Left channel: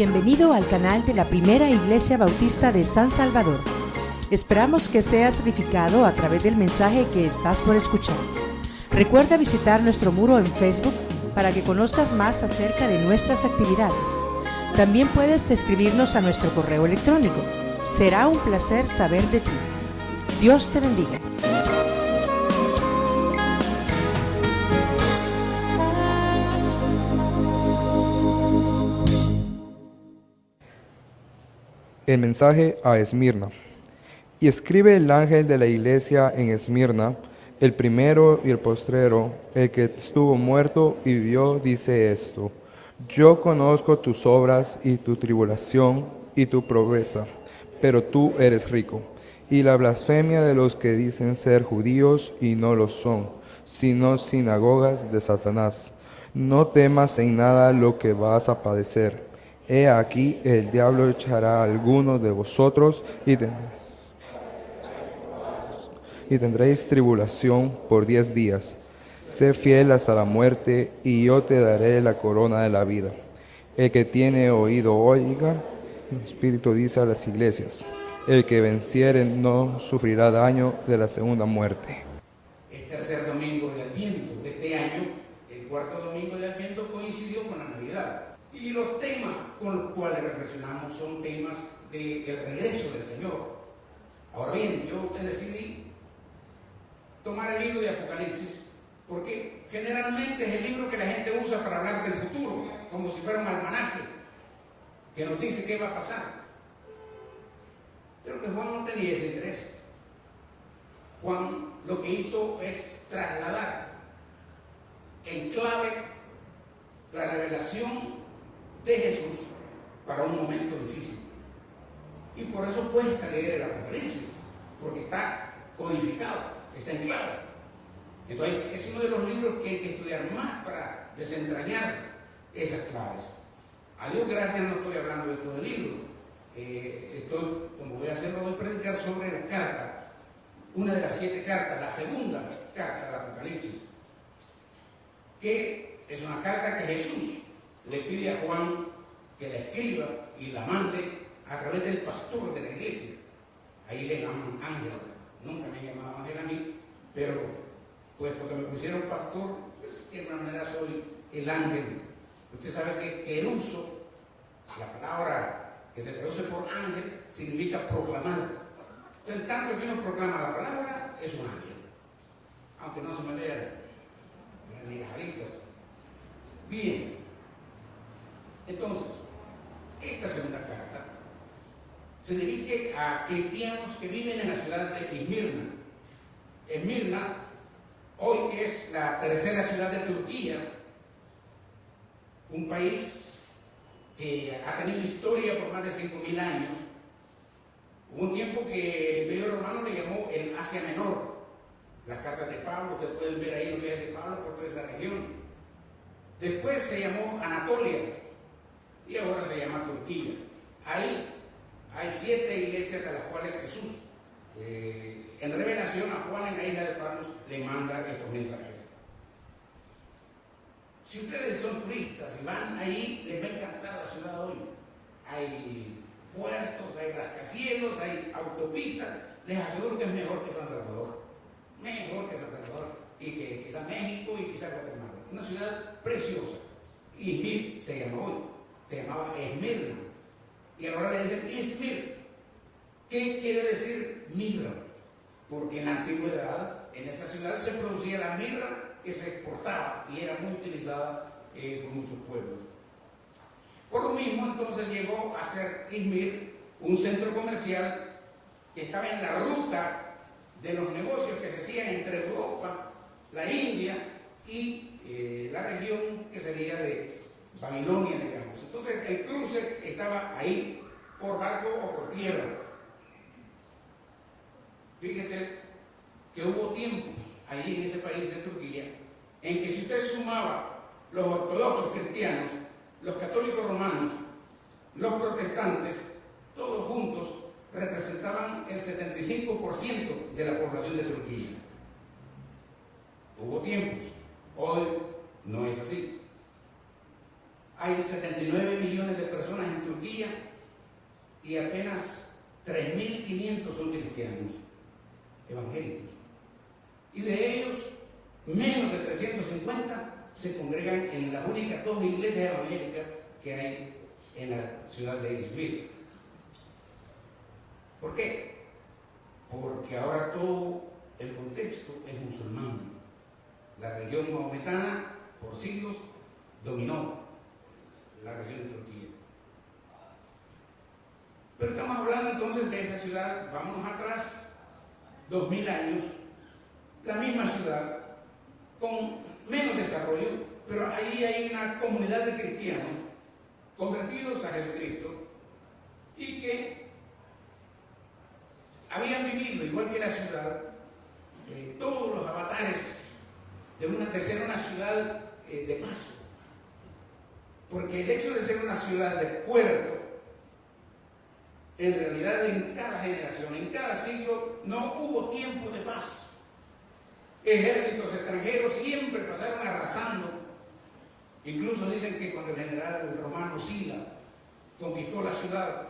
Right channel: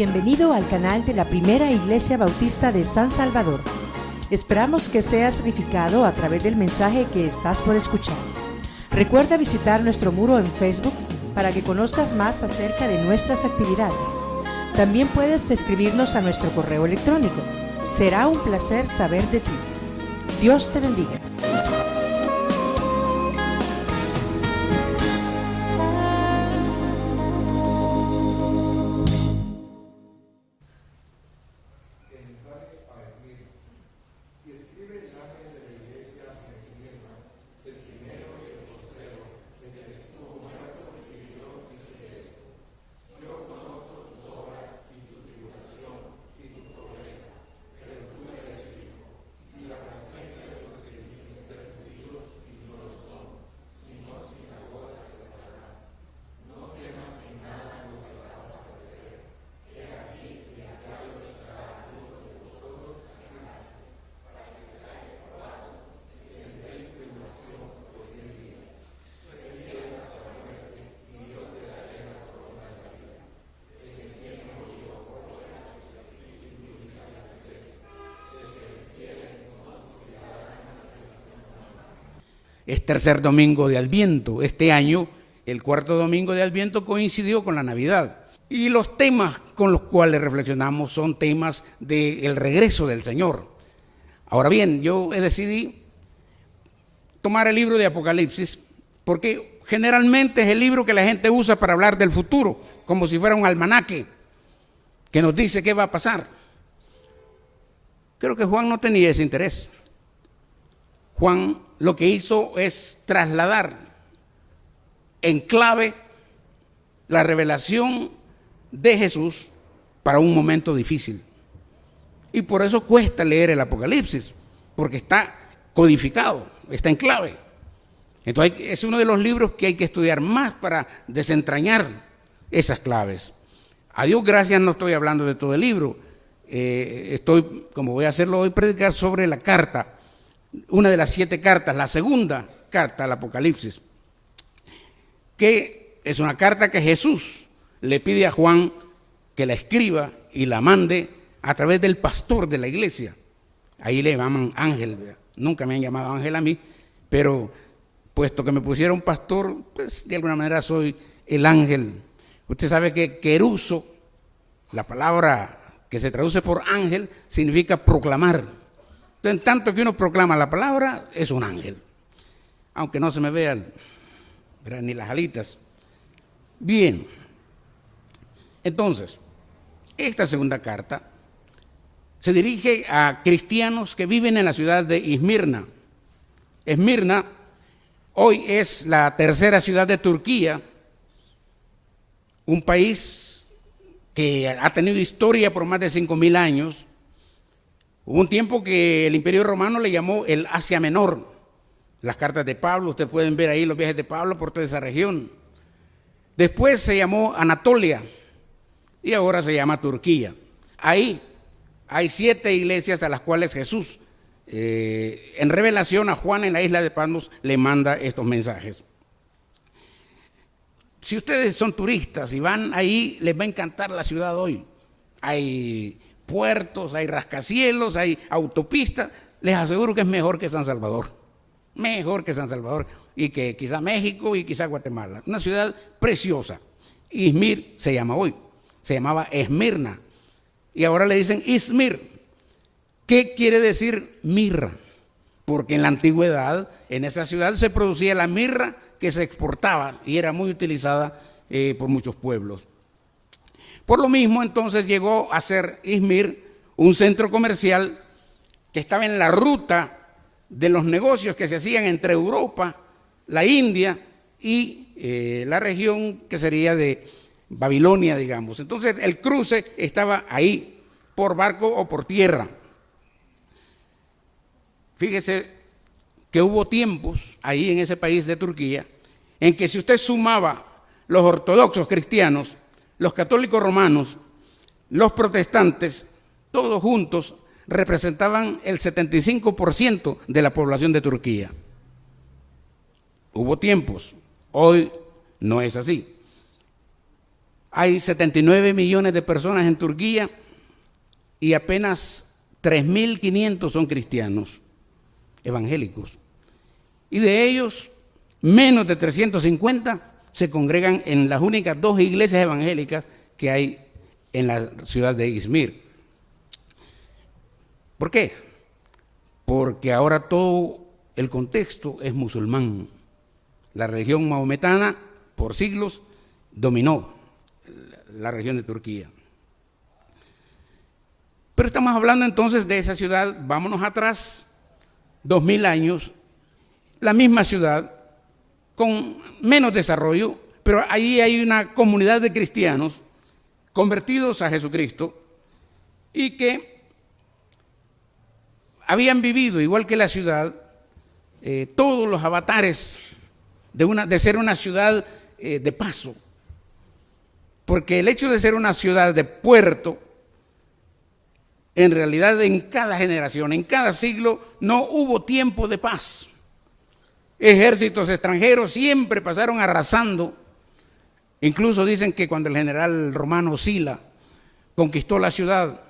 Bienvenido al canal de la Primera Iglesia Bautista de San Salvador. Esperamos que seas edificado a través del mensaje que estás por escuchar. Recuerda visitar nuestro muro en Facebook para que conozcas más acerca de nuestras actividades. También puedes escribirnos a nuestro correo electrónico. Será un placer saber de ti. Dios te bendiga. El mensaje a Esmirna. Y escribe el ángel de la iglesia en Esmirna, el primero y el postrero, el que estuvo muerto y vivió, dice esto: Yo conozco tus obras y tu tribulación y tu pobreza, pero tú eres rico, y la blasfemia de los que dicen ser judíos y no lo son, sino sinagogas de Satanás. No temas en nada lo que vas a padecer. He aquí, el diablo echará a algunos de vosotros y tendréis tribulación por 10 días. Sé fiel hasta la muerte, y yo te daré la corona de la vida. El que tiene oído oiga, el Espíritu dice a las iglesias: el que venciere no sufrirá daño de la segunda muerte. Es tercer domingo de Adviento. Este año, el cuarto domingo de Adviento coincidió con la Navidad. Y los temas con los cuales reflexionamos son temas del regreso del Señor. Ahora bien, yo decidí tomar el libro de Apocalipsis porque generalmente es el libro que la gente usa para hablar del futuro, como si fuera un almanaque que nos dice qué va a pasar. Creo que Juan no tenía ese interés. Juan lo que hizo es trasladar en clave la revelación de Jesús para un momento difícil. Y por eso cuesta leer el Apocalipsis, porque está codificado, está en clave. Entonces es uno de los libros que hay que estudiar más para desentrañar esas claves. A Dios gracias, no estoy hablando de todo el libro. Estoy, como voy a hacerlo hoy, predicar sobre la carta, una de las 7 cartas, la segunda carta al Apocalipsis, que es una carta que Jesús le pide a Juan que la escriba y la mande a través del pastor de la iglesia. Ahí le llaman ángel. Nunca me han llamado ángel a mí, pero puesto que me pusieron pastor, pues de alguna manera soy el ángel. Usted sabe que queruso, la palabra que se traduce por ángel, significa proclamar. Entonces, en tanto que uno proclama la palabra, es un ángel. Aunque no se me vean ni las alitas. Bien. Entonces, esta segunda carta se dirige a cristianos que viven en la ciudad de Esmirna. Esmirna hoy es la tercera ciudad de Turquía, un país que ha tenido historia por más de 5.000 años. Hubo un tiempo que el Imperio Romano le llamó el Asia Menor. Las cartas de Pablo, ustedes pueden ver ahí los viajes de Pablo por toda esa región. Después se llamó Anatolia y ahora se llama Turquía. Ahí hay 7 iglesias a las cuales Jesús, en revelación a Juan en la isla de Patmos, le manda estos mensajes. Si ustedes son turistas y van ahí, les va a encantar la ciudad hoy. Hay puertos, hay rascacielos, hay autopistas. Les aseguro que es mejor que San Salvador. Mejor que San Salvador y que quizá México y quizá Guatemala. Una ciudad preciosa. Izmir se llama hoy. Se llamaba Esmirna y ahora le dicen Izmir. ¿Qué quiere decir mirra? Porque en la antigüedad en esa ciudad se producía la mirra que se exportaba y era muy utilizada por muchos pueblos. Por lo mismo, entonces llegó a ser Izmir un centro comercial que estaba en la ruta de los negocios que se hacían entre Europa, la India y la región que sería de Babilonia, digamos. Entonces el cruce estaba ahí, por barco o por tierra. Fíjese que hubo tiempos ahí en ese país de Turquía en que si usted sumaba los ortodoxos cristianos, los católicos romanos, los protestantes, todos juntos representaban el 75% de la población de Turquía. Hubo tiempos, hoy no es así. hay 79 millones de personas en Turquía y apenas 3.500 son cristianos evangélicos. Y de ellos, menos de 350 se congregan en las únicas 2 iglesias evangélicas que hay en la ciudad de Izmir. ¿Por qué? Porque ahora todo el contexto es musulmán. La religión maometana por siglos dominó la región de Turquía. Pero estamos hablando entonces de esa ciudad, vámonos atrás, 2000 años, la misma ciudad, con menos desarrollo, pero ahí hay una comunidad de cristianos convertidos a Jesucristo y que habían vivido, igual que la ciudad, todos los avatares de ser una ciudad de paso. Porque el hecho de ser una ciudad de puerto, en realidad en cada generación, en cada siglo, no hubo tiempo de paz. Ejércitos extranjeros siempre pasaron arrasando. Incluso dicen que cuando el general romano Sila conquistó la ciudad,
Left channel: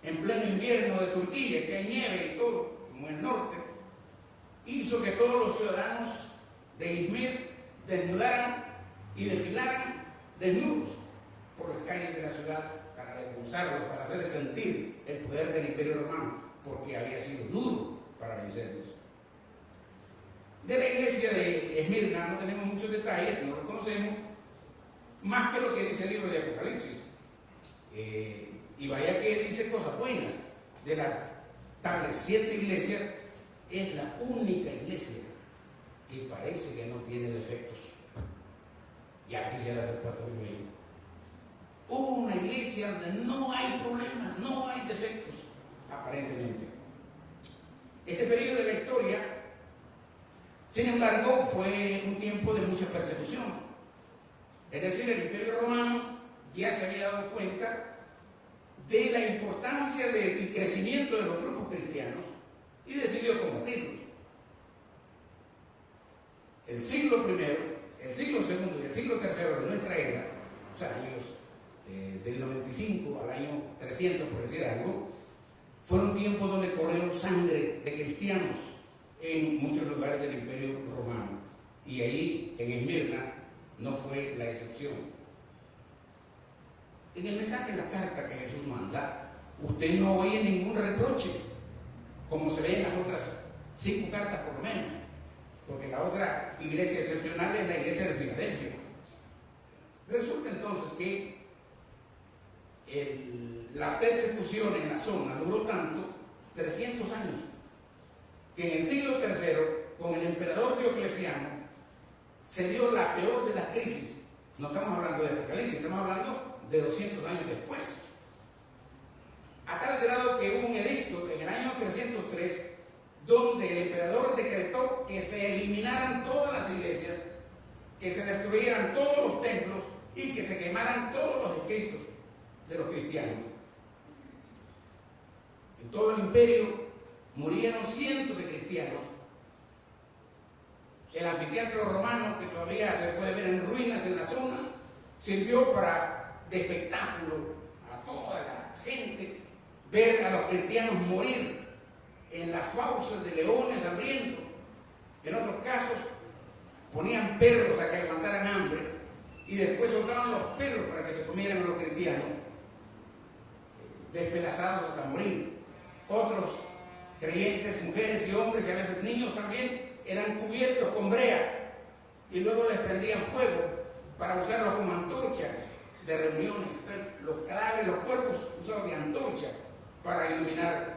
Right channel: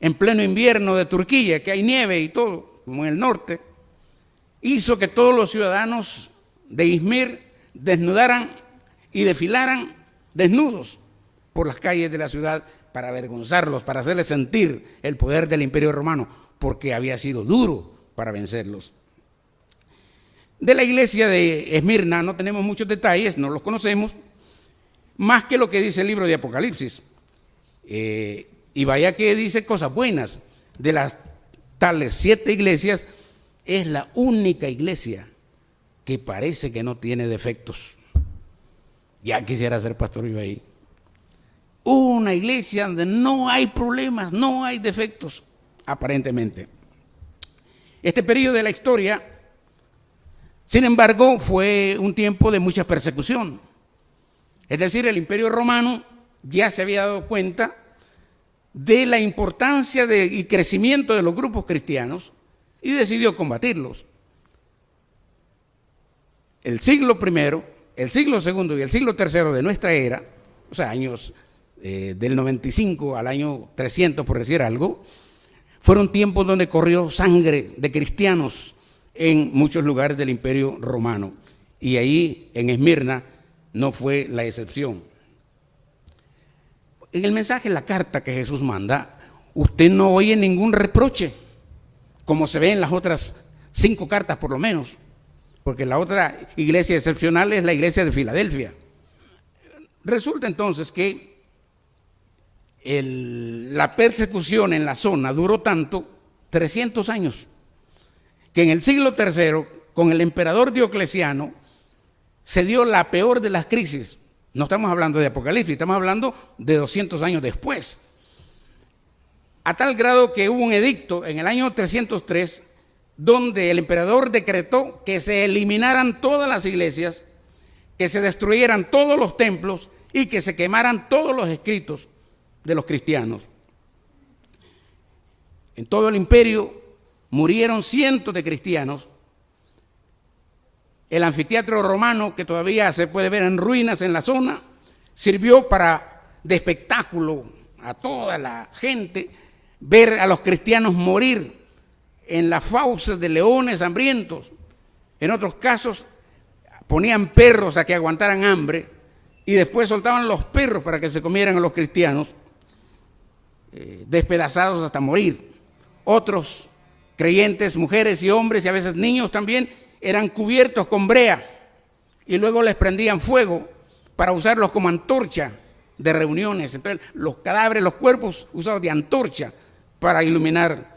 en pleno invierno de Turquía, que hay nieve y todo, como en el norte, hizo que todos los ciudadanos de Izmir desnudaran y desfilaran desnudos por las calles de la ciudad para avergonzarlos, para hacerles sentir el poder del Imperio Romano, porque había sido duro para vencerlos. De la iglesia de Esmirna no tenemos muchos detalles, no los conocemos, más que lo que dice el libro de Apocalipsis. Y vaya que dice cosas buenas. De las tales 7 iglesias, es la única iglesia que parece que no tiene defectos. Ya quisiera ser pastor yo ahí. Una iglesia donde no hay problemas, no hay defectos, aparentemente. Este periodo de la historia, sin embargo, fue un tiempo de mucha persecución. Es decir, el Imperio Romano ya se había dado cuenta de la importancia y crecimiento de los grupos cristianos y decidió combatirlos. El siglo I, el siglo II y el siglo III de nuestra era, o sea, años del 95 al año 300, por decir algo, fueron tiempos donde corrió sangre de cristianos en muchos lugares del Imperio Romano. Y ahí, en Esmirna, no fue la excepción. En el mensaje, la carta que Jesús manda, usted no oye ningún reproche, como se ve en las otras 5 cartas por lo menos, porque la otra iglesia excepcional es la iglesia de Filadelfia. Resulta entonces que la persecución en la zona duró tanto, 300 años, que en el siglo III, con el emperador Diocleciano, se dio la peor de las crisis. No estamos hablando de Apocalipsis, estamos hablando de 200 años después. A tal grado que hubo un edicto en el año 303, donde el emperador decretó que se eliminaran todas las iglesias, que se destruyeran todos los templos y que se quemaran todos los escritos de los cristianos. En todo el imperio murieron cientos de cristianos. El anfiteatro romano, que todavía se puede ver en ruinas en la zona, sirvió de espectáculo a toda la gente, ver a los cristianos morir en las fauces de leones hambrientos. En otros casos ponían perros a que aguantaran hambre y después soltaban los perros para que se comieran a los cristianos, despedazados hasta morir. Otros creyentes, mujeres y hombres y a veces niños también, eran cubiertos con brea y luego les prendían fuego para usarlos como antorcha de reuniones. Entonces, los cadáveres, los cuerpos usados de antorcha para iluminar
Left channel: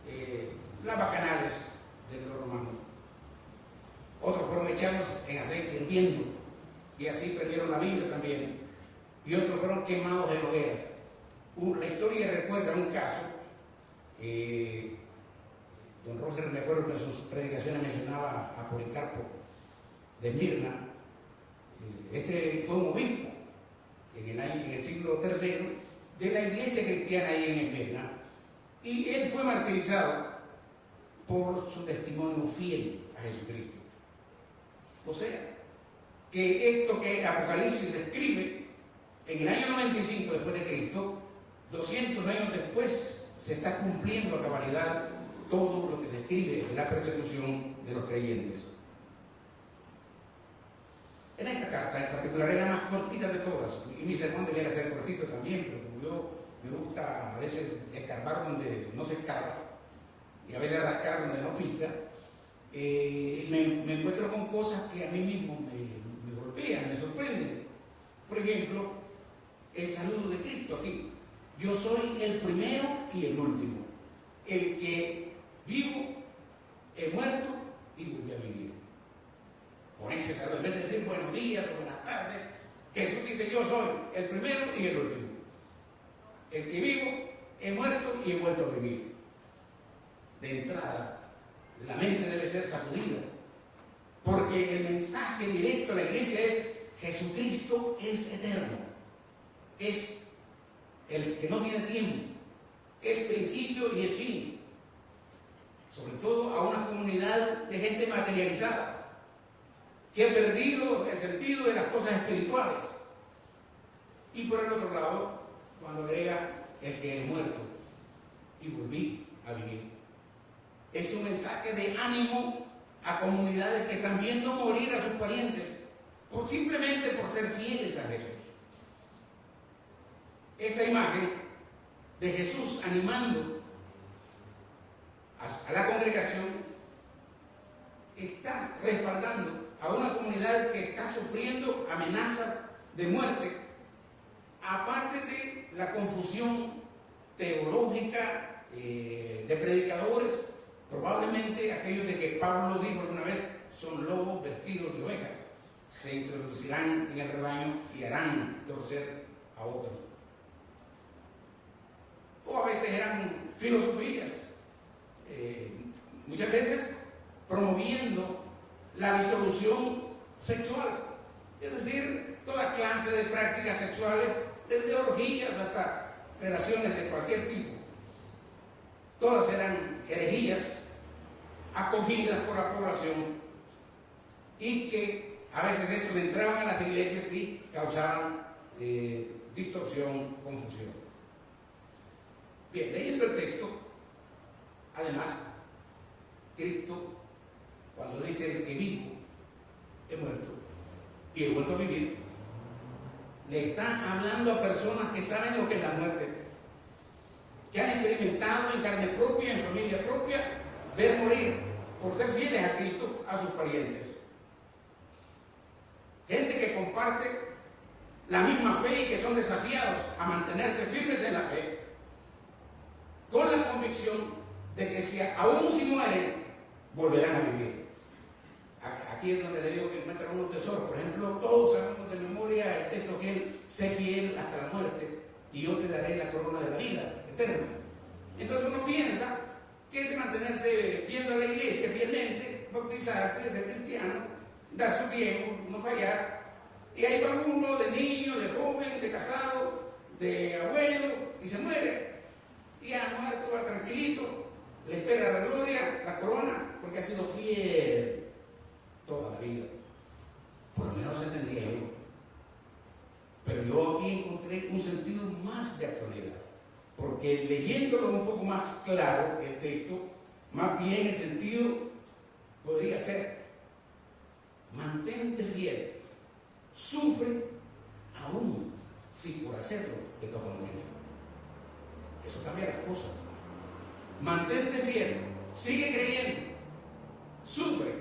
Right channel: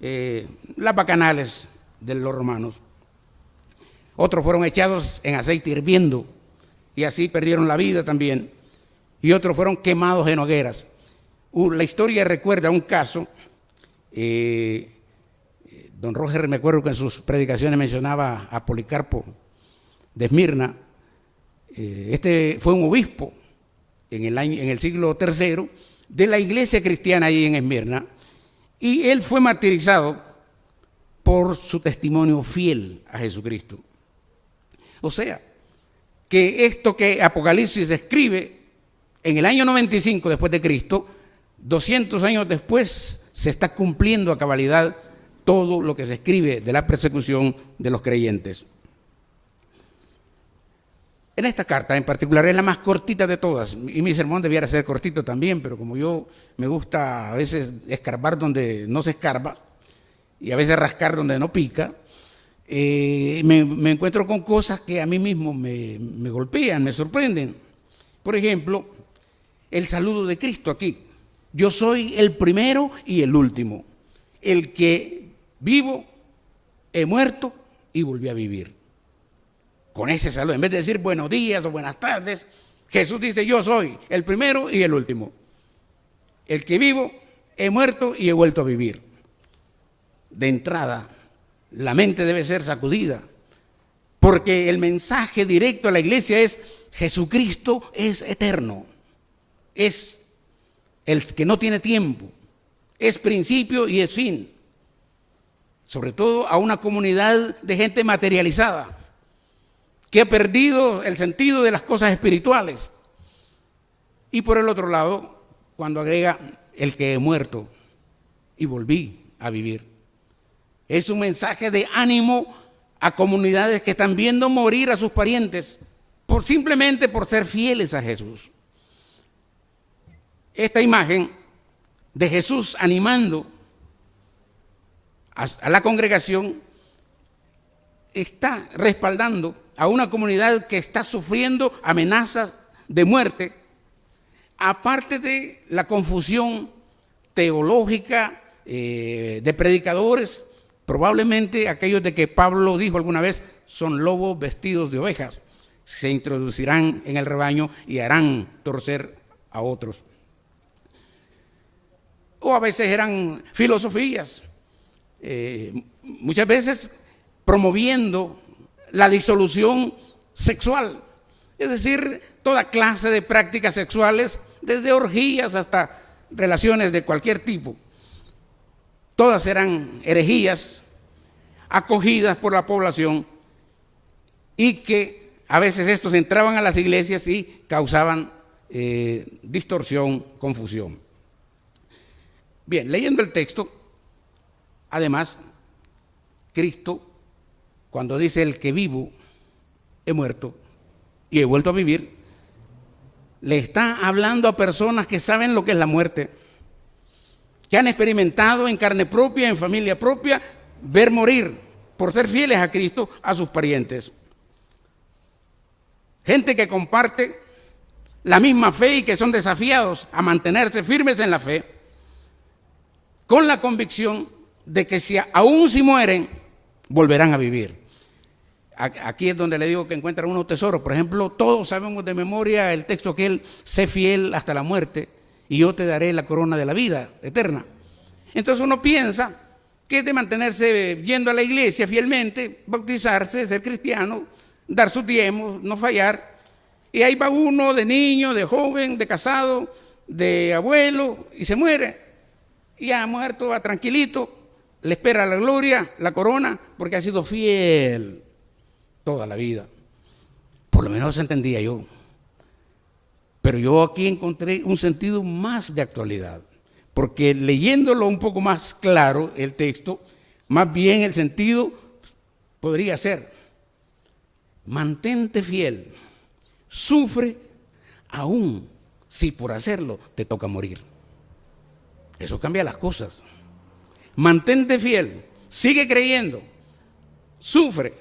las bacanales de los romanos. Otros fueron echados en aceite hirviendo y así perdieron la vida también. Y otros fueron quemados en hogueras. La historia recuerda un caso. Don Roger, me acuerdo que en sus predicaciones mencionaba a Policarpo de Esmirna. Este fue un obispo en el siglo III de la iglesia cristiana ahí en Esmirna, y él fue martirizado por su testimonio fiel a Jesucristo. O sea, que esto que Apocalipsis escribe en el año 95 después de Cristo, 200 años después, se está cumpliendo a cabalidad todo lo que se escribe de la persecución de los creyentes. En esta carta en particular es la más cortita de todas, y mi sermón debiera ser cortito también, pero como yo me gusta a veces escarbar donde no se escarba y a veces rascar donde no pica, me encuentro con cosas que a mí mismo me golpean, me sorprenden. Por ejemplo, el saludo de Cristo aquí: yo soy el primero y el último, el que vivo, he muerto y volví a vivir. Con ese saludo, en vez de decir buenos días o buenas tardes, Jesús dice: yo soy el primero y el último, el que vivo, he muerto y he vuelto a vivir. De entrada, la mente debe ser sacudida, porque el mensaje directo a la iglesia es: Jesucristo es eterno, es el que no tiene tiempo, es principio y es fin. Sobre todo a una comunidad de gente materializada, que ha perdido el sentido de las cosas espirituales. Y por el otro lado, cuando agrega el que he muerto y volví a vivir, es un mensaje de ánimo a comunidades que están viendo morir a sus parientes simplemente por ser fieles a Jesús. Esta imagen de Jesús animando a la congregación está respaldando a una comunidad que está sufriendo amenazas de muerte, aparte de la confusión teológica de predicadores, probablemente aquellos de que Pablo dijo alguna vez: son lobos vestidos de ovejas, se introducirán en el rebaño y harán torcer a otros. O a veces eran filosofías, muchas veces promoviendo la disolución sexual, es decir, toda clase de prácticas sexuales, desde orgías hasta relaciones de cualquier tipo. Todas eran herejías acogidas por la población, y que a veces estos entraban a las iglesias y causaban distorsión, confusión. Bien, leyendo el texto, además, Cristo, cuando dice el que vivo, he muerto y he vuelto a vivir, le está hablando a personas que saben lo que es la muerte, que han experimentado en carne propia, en familia propia, ver morir, por ser fieles a Cristo, a sus parientes. Gente que comparte la misma fe y que son desafiados a mantenerse firmes en la fe, con la convicción de que aún si mueren, volverán a vivir. Aquí es donde le digo que encuentran unos tesoros. Por ejemplo, todos sabemos de memoria el texto que él: sé fiel hasta la muerte y yo te daré la corona de la vida eterna. Entonces uno piensa que es de mantenerse yendo a la iglesia fielmente, bautizarse, ser cristiano, dar sus diezmos, no fallar. Y ahí va uno de niño, de joven, de casado, de abuelo, y se muere. Y ya muerto, va tranquilito, le espera la gloria, la corona, porque ha sido fiel toda la vida. Por lo menos entendía yo. Pero yo aquí encontré un sentido más de actualidad, porque leyéndolo un poco más claro el texto, más bien el sentido podría ser: mantente fiel, sufre aún si por hacerlo te toca morir. Eso cambia las cosas. Mantente fiel, sigue creyendo, sufre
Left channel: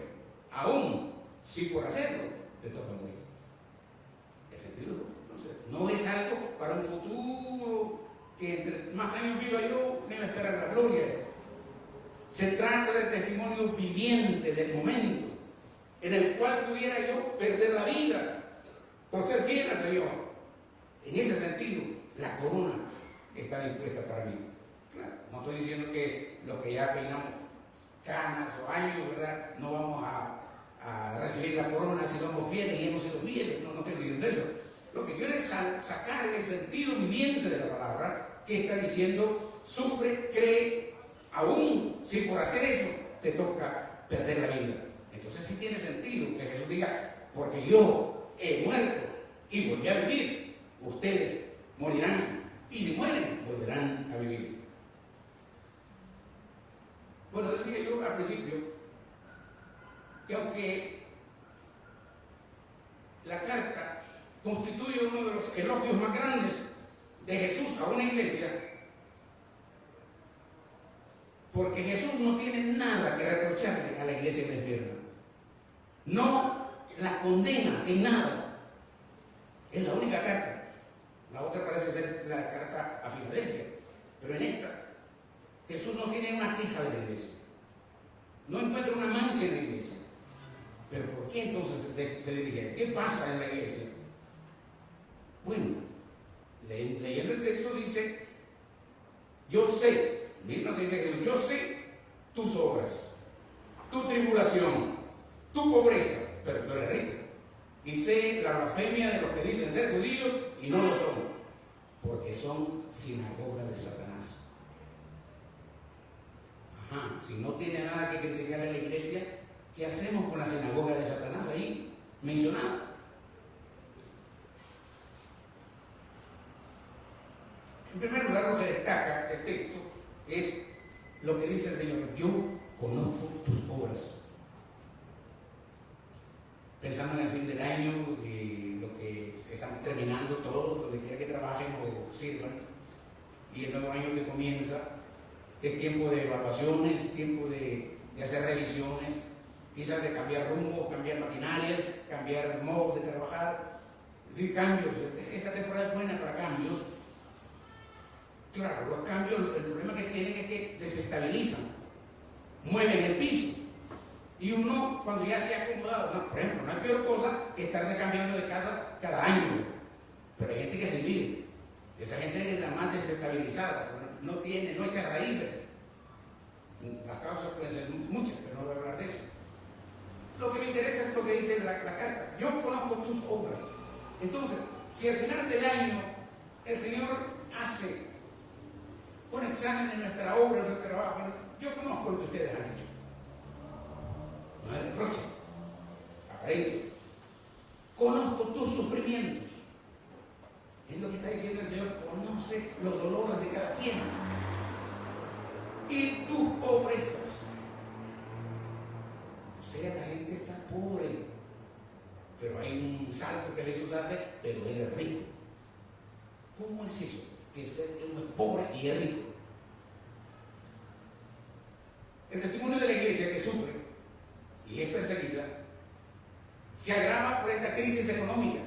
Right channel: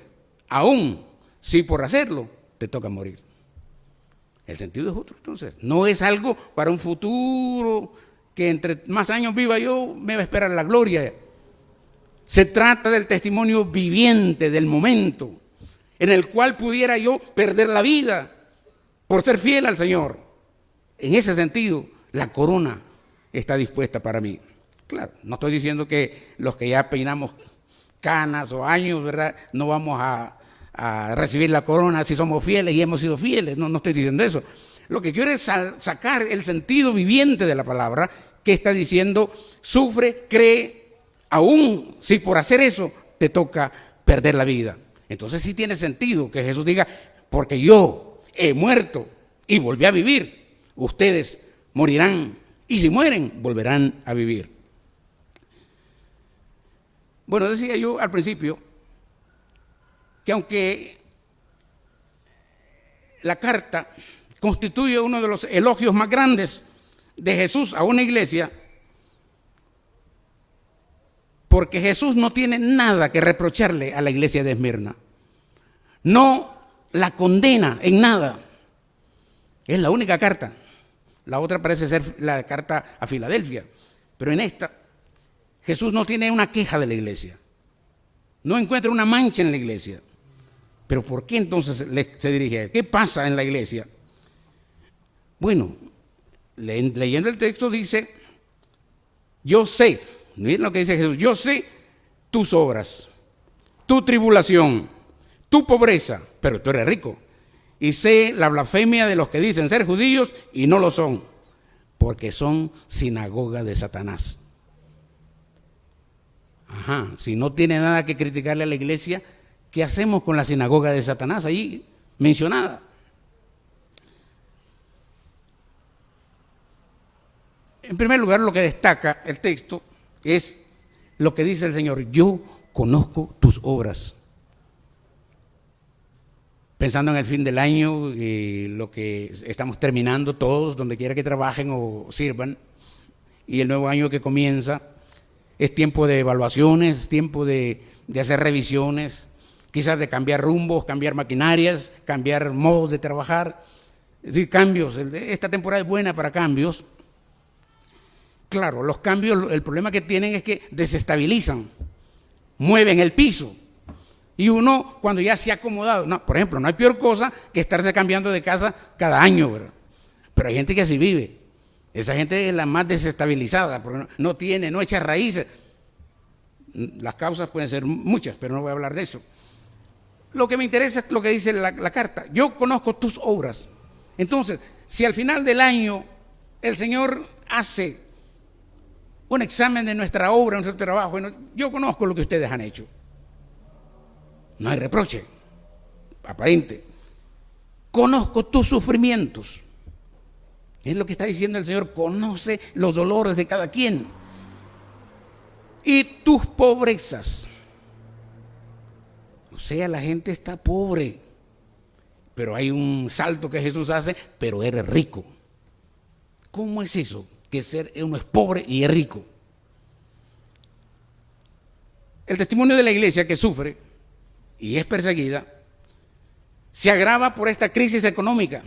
aún si por hacerlo te toca morir. El sentido es otro, entonces. No es algo para un futuro que entre más años viva yo me va a esperar la gloria. Se trata del testimonio viviente del momento en el cual pudiera yo perder la vida por ser fiel al Señor. En ese sentido, la corona está dispuesta para mí. Claro, no estoy diciendo que los que ya peinamos canas o años, ¿verdad?, no vamos a recibir la corona si somos fieles y hemos sido fieles. No estoy diciendo eso. Lo que quiero es sacar el sentido viviente de la palabra, que está diciendo: sufre, cree, aún si por hacer eso te toca perder la vida. Entonces sí tiene sentido que Jesús diga: porque yo he muerto y volví a vivir, ustedes morirán y si mueren, volverán a vivir. Bueno, decía yo al principio que aunque la carta constituye uno de los elogios más grandes de Jesús a una iglesia, porque Jesús no tiene nada que reprocharle a la iglesia de Esmirna. No la condena en nada. Es la única carta. La otra parece ser la carta a Filadelfia. Pero en esta, Jesús no tiene una queja de la iglesia. No encuentra una mancha en la iglesia. Pero ¿por qué entonces se dirige a él? ¿Qué pasa en la iglesia? Bueno, leyendo el texto dice, yo sé, miren lo que dice Jesús, yo sé tus obras, tu tribulación, tu pobreza, pero tú eres rico. Y sé la blasfemia de los que dicen ser judíos y no lo son, porque son sinagoga de Satanás. Ajá, si no tiene nada que criticarle a la iglesia, ¿qué hacemos con la sinagoga de Satanás ahí mencionada? En primer lugar, lo que destaca el texto es lo que dice el Señor: yo conozco tus obras. Pensando en el fin del año, lo que estamos terminando todos, donde quiera que trabajen o sirvan, y el nuevo año que comienza, es tiempo de evaluaciones, tiempo de hacer revisiones, quizás de cambiar rumbos, cambiar maquinarias, cambiar modos de trabajar, es decir, cambios. Esta temporada es buena para cambios. Claro, los cambios, el problema que tienen es que desestabilizan, mueven el piso. Y uno, cuando ya se ha acomodado, no, por ejemplo, no hay peor cosa que estarse cambiando de casa cada año, ¿verdad? Pero hay gente que así vive. Esa gente es la más desestabilizada, porque no echa raíces. Las causas pueden ser muchas, pero no voy a hablar de eso. Lo que me interesa es lo que dice la carta. Yo conozco tus obras. Entonces, si al final del año el Señor hace un examen de nuestra obra, nuestro trabajo, yo conozco lo que ustedes han hecho. No hay reproche aparente. Conozco tus sufrimientos. Es lo que está diciendo el Señor: conoce los dolores de cada quien. Y tus pobrezas. O sea, la gente está pobre, pero hay un salto que Jesús hace: pero eres rico. ¿Cómo es eso? Que uno es pobre y es rico. El testimonio de la iglesia que sufre y es perseguida se agrava por esta crisis económica.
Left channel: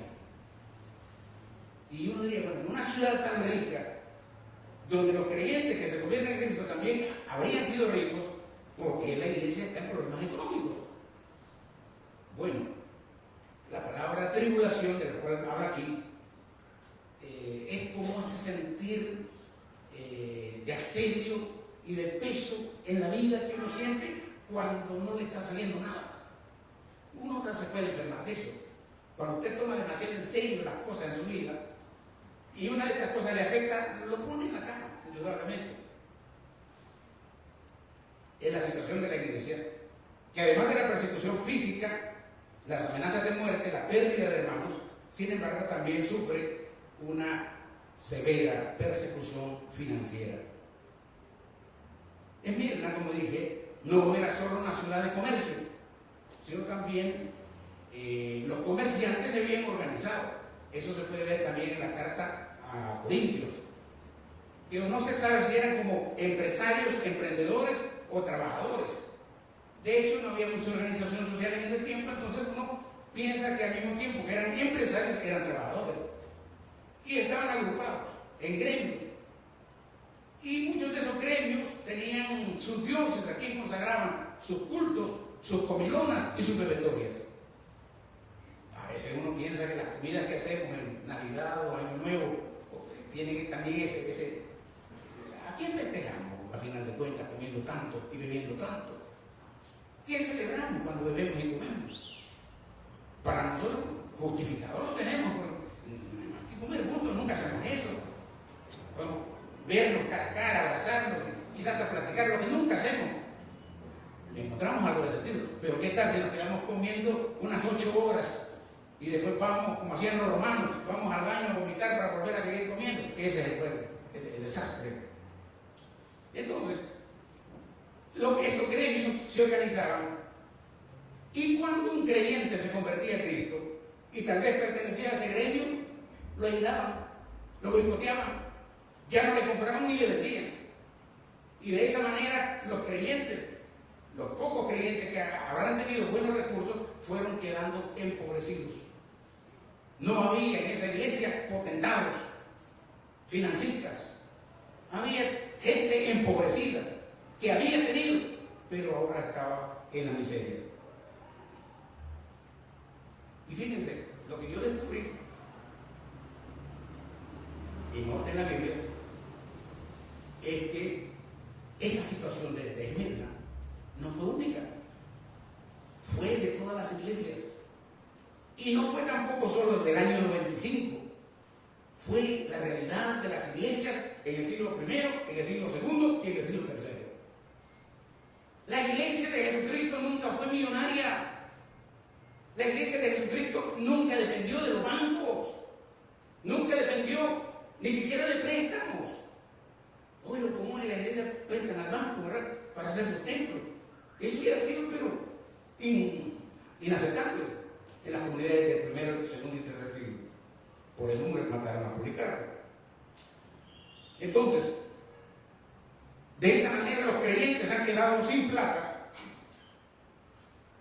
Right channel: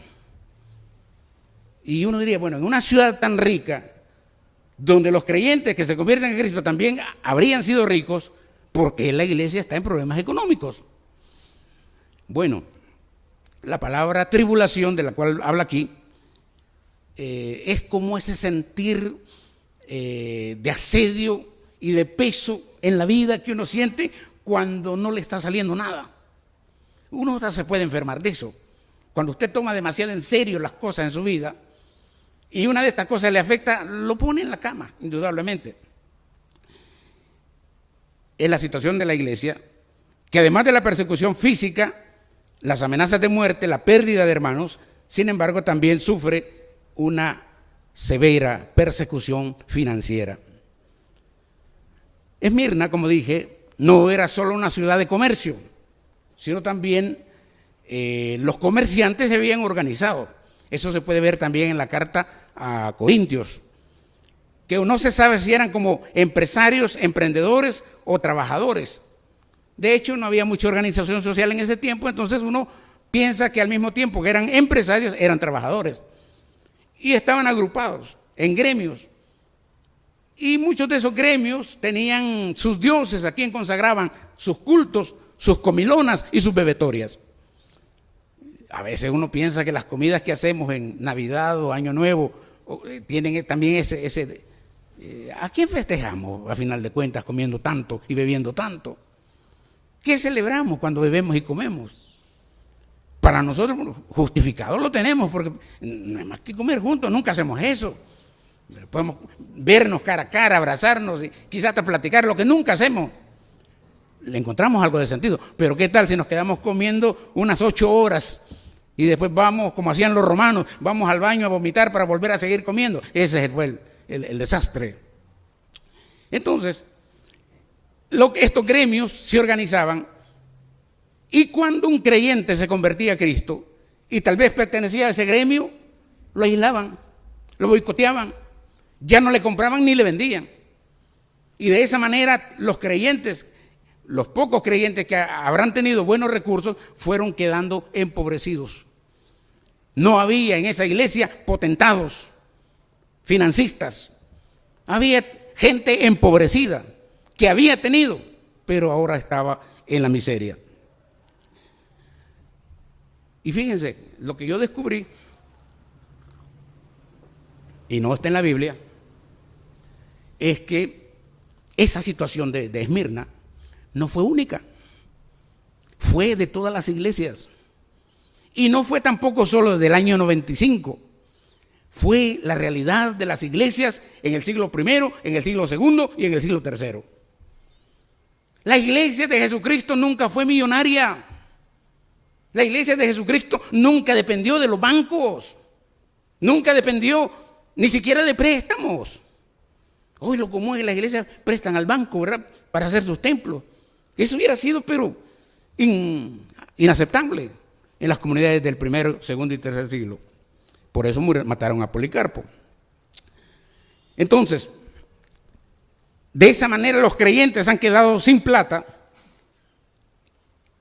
Y uno diría, bueno, en una ciudad tan rica, donde los creyentes que se convierten en Cristo también habrían sido ricos, ¿por qué la iglesia está en problemas económicos? Bueno, la palabra tribulación, de la cual habla aquí, es como ese sentir de asedio y de peso en la vida que uno siente cuando no le está saliendo nada. Uno hasta se puede enfermar de eso. Cuando usted toma demasiado en serio las cosas en su vida y una de estas cosas le afecta, lo pone en la cama, indudablemente. Es la situación de la iglesia, que además de la persecución física, las amenazas de muerte, la pérdida de hermanos, sin embargo también sufre una severa persecución financiera. Esmirna, como dije, no era solo una ciudad de comercio, sino también los comerciantes se habían organizado. Eso se puede ver también en la carta a Corintios, que no se sabe si eran como empresarios, emprendedores o trabajadores. De hecho, no había mucha organización social en ese tiempo, entonces uno piensa que al mismo tiempo que eran empresarios, eran trabajadores. Y estaban agrupados en gremios. Y muchos de esos gremios tenían sus dioses a quien consagraban sus cultos, sus comilonas y sus bebetorias. A veces uno piensa que las comidas que hacemos en Navidad o Año Nuevo tienen también ese ¿a quién festejamos a final de cuentas comiendo tanto y bebiendo tanto? ¿Qué celebramos cuando bebemos y comemos? Para nosotros justificado lo tenemos, porque no es más que comer juntos, nunca hacemos eso. Podemos vernos cara a cara, abrazarnos y quizás hasta platicar, lo que nunca hacemos. Le encontramos algo de sentido, pero ¿qué tal si nos quedamos comiendo unas 8 horas Y después vamos, como hacían los romanos, vamos al baño a vomitar para volver a seguir comiendo. Ese fue el desastre. Entonces, estos gremios se organizaban, y cuando un creyente se convertía a Cristo y tal vez pertenecía a ese gremio, lo aislaban, lo boicoteaban, ya no le compraban ni le vendían. Y de esa manera los creyentes, los pocos creyentes que habrán tenido buenos recursos, fueron quedando empobrecidos. No había en esa iglesia potentados, financistas. Había gente empobrecida que había tenido, pero ahora estaba en la miseria. Y fíjense, lo que yo descubrí, y no está en la Biblia, es que esa situación de Esmirna no fue única, fue de todas las iglesias. Y no fue tampoco solo del año 95, fue la realidad de las iglesias en el siglo I, en el siglo II y en el siglo III. La iglesia de Jesucristo nunca fue millonaria. La iglesia de Jesucristo nunca dependió de los bancos, nunca dependió ni siquiera de préstamos. Hoy lo común es que las iglesias prestan al banco, ¿verdad?, para hacer sus templos. Eso hubiera sido, pero inaceptable en las comunidades del primero, segundo y tercer siglo. Por eso mataron a Policarpo. Entonces, de esa manera los creyentes han quedado sin plata,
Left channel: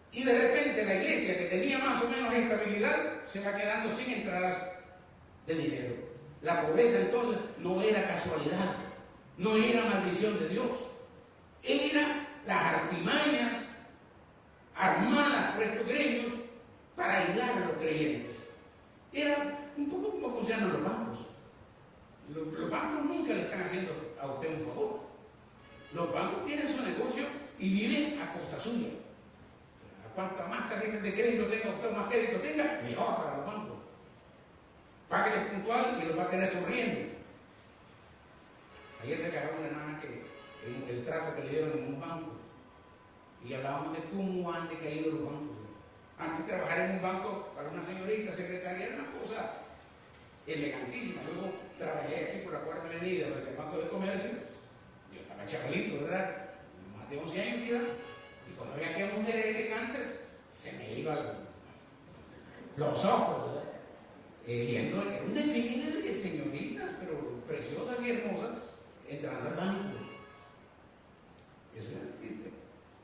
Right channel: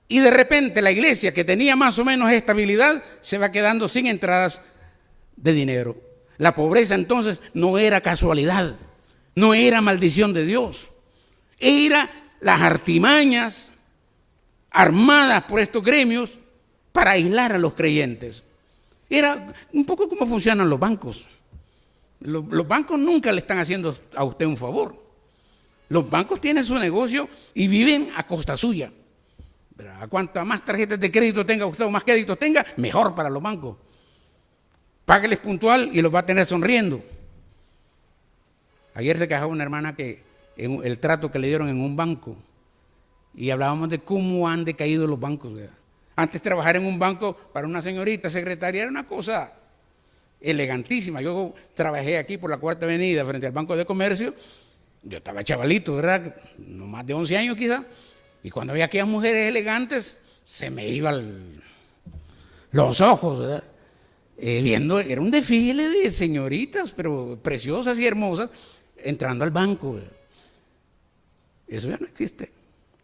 y de repente la iglesia, que tenía más o menos estabilidad, se va quedando sin entradas de dinero. La pobreza entonces no era casualidad, no era maldición de Dios, era las artimañas armadas por estos gremios para aislar a los creyentes. Era un poco como funcionan los bancos. Los bancos nunca le están haciendo a usted un favor. Los bancos tienen su negocio y viven a costa suya. A cuanto más tarjetas de crédito tenga usted o más créditos tenga, mejor para los bancos. Págueles puntual y los va a tener sonriendo. Ayer se quejaba una hermana que en el trato que le dieron en un banco, y hablábamos de cómo han decaído los bancos, ¿verdad? Antes trabajar en un banco para una señorita secretaria era una cosa elegantísima. Yo trabajé aquí por la Cuarta Avenida frente al Banco de Comercio. Yo estaba chavalito, ¿verdad? No más de 11 años quizás. Y cuando veía aquellas mujeres elegantes, se me iban los ojos, ¿verdad? Viendo, era un desfile de señoritas, pero preciosas y hermosas, entrando al banco, ¿verdad? Eso ya no existe.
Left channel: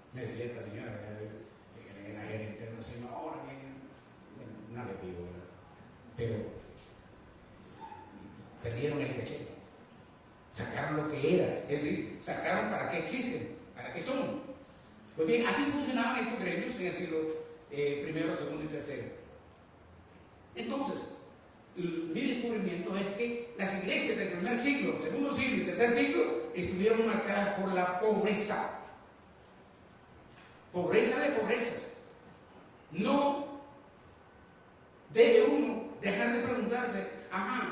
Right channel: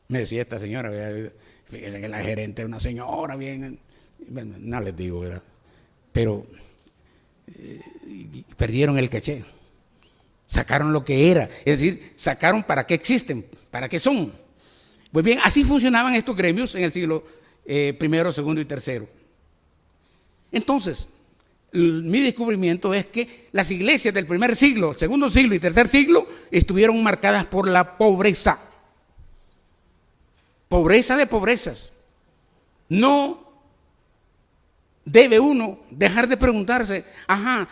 Me decía esta señora, ¿verdad? Fíjense que la gerente es una señora bien, bueno, no les digo, ¿verdad? Pero perdieron el caché, sacaron lo que era, es decir, sacaron para qué existen, para qué son. Pues bien, así funcionaban estos gremios en el siglo I, II y III. Entonces, mi descubrimiento es que las iglesias del primer siglo, segundo siglo y tercer siglo estuvieron marcadas por la pobreza. Pobreza de pobrezas. No debe uno dejar de preguntarse,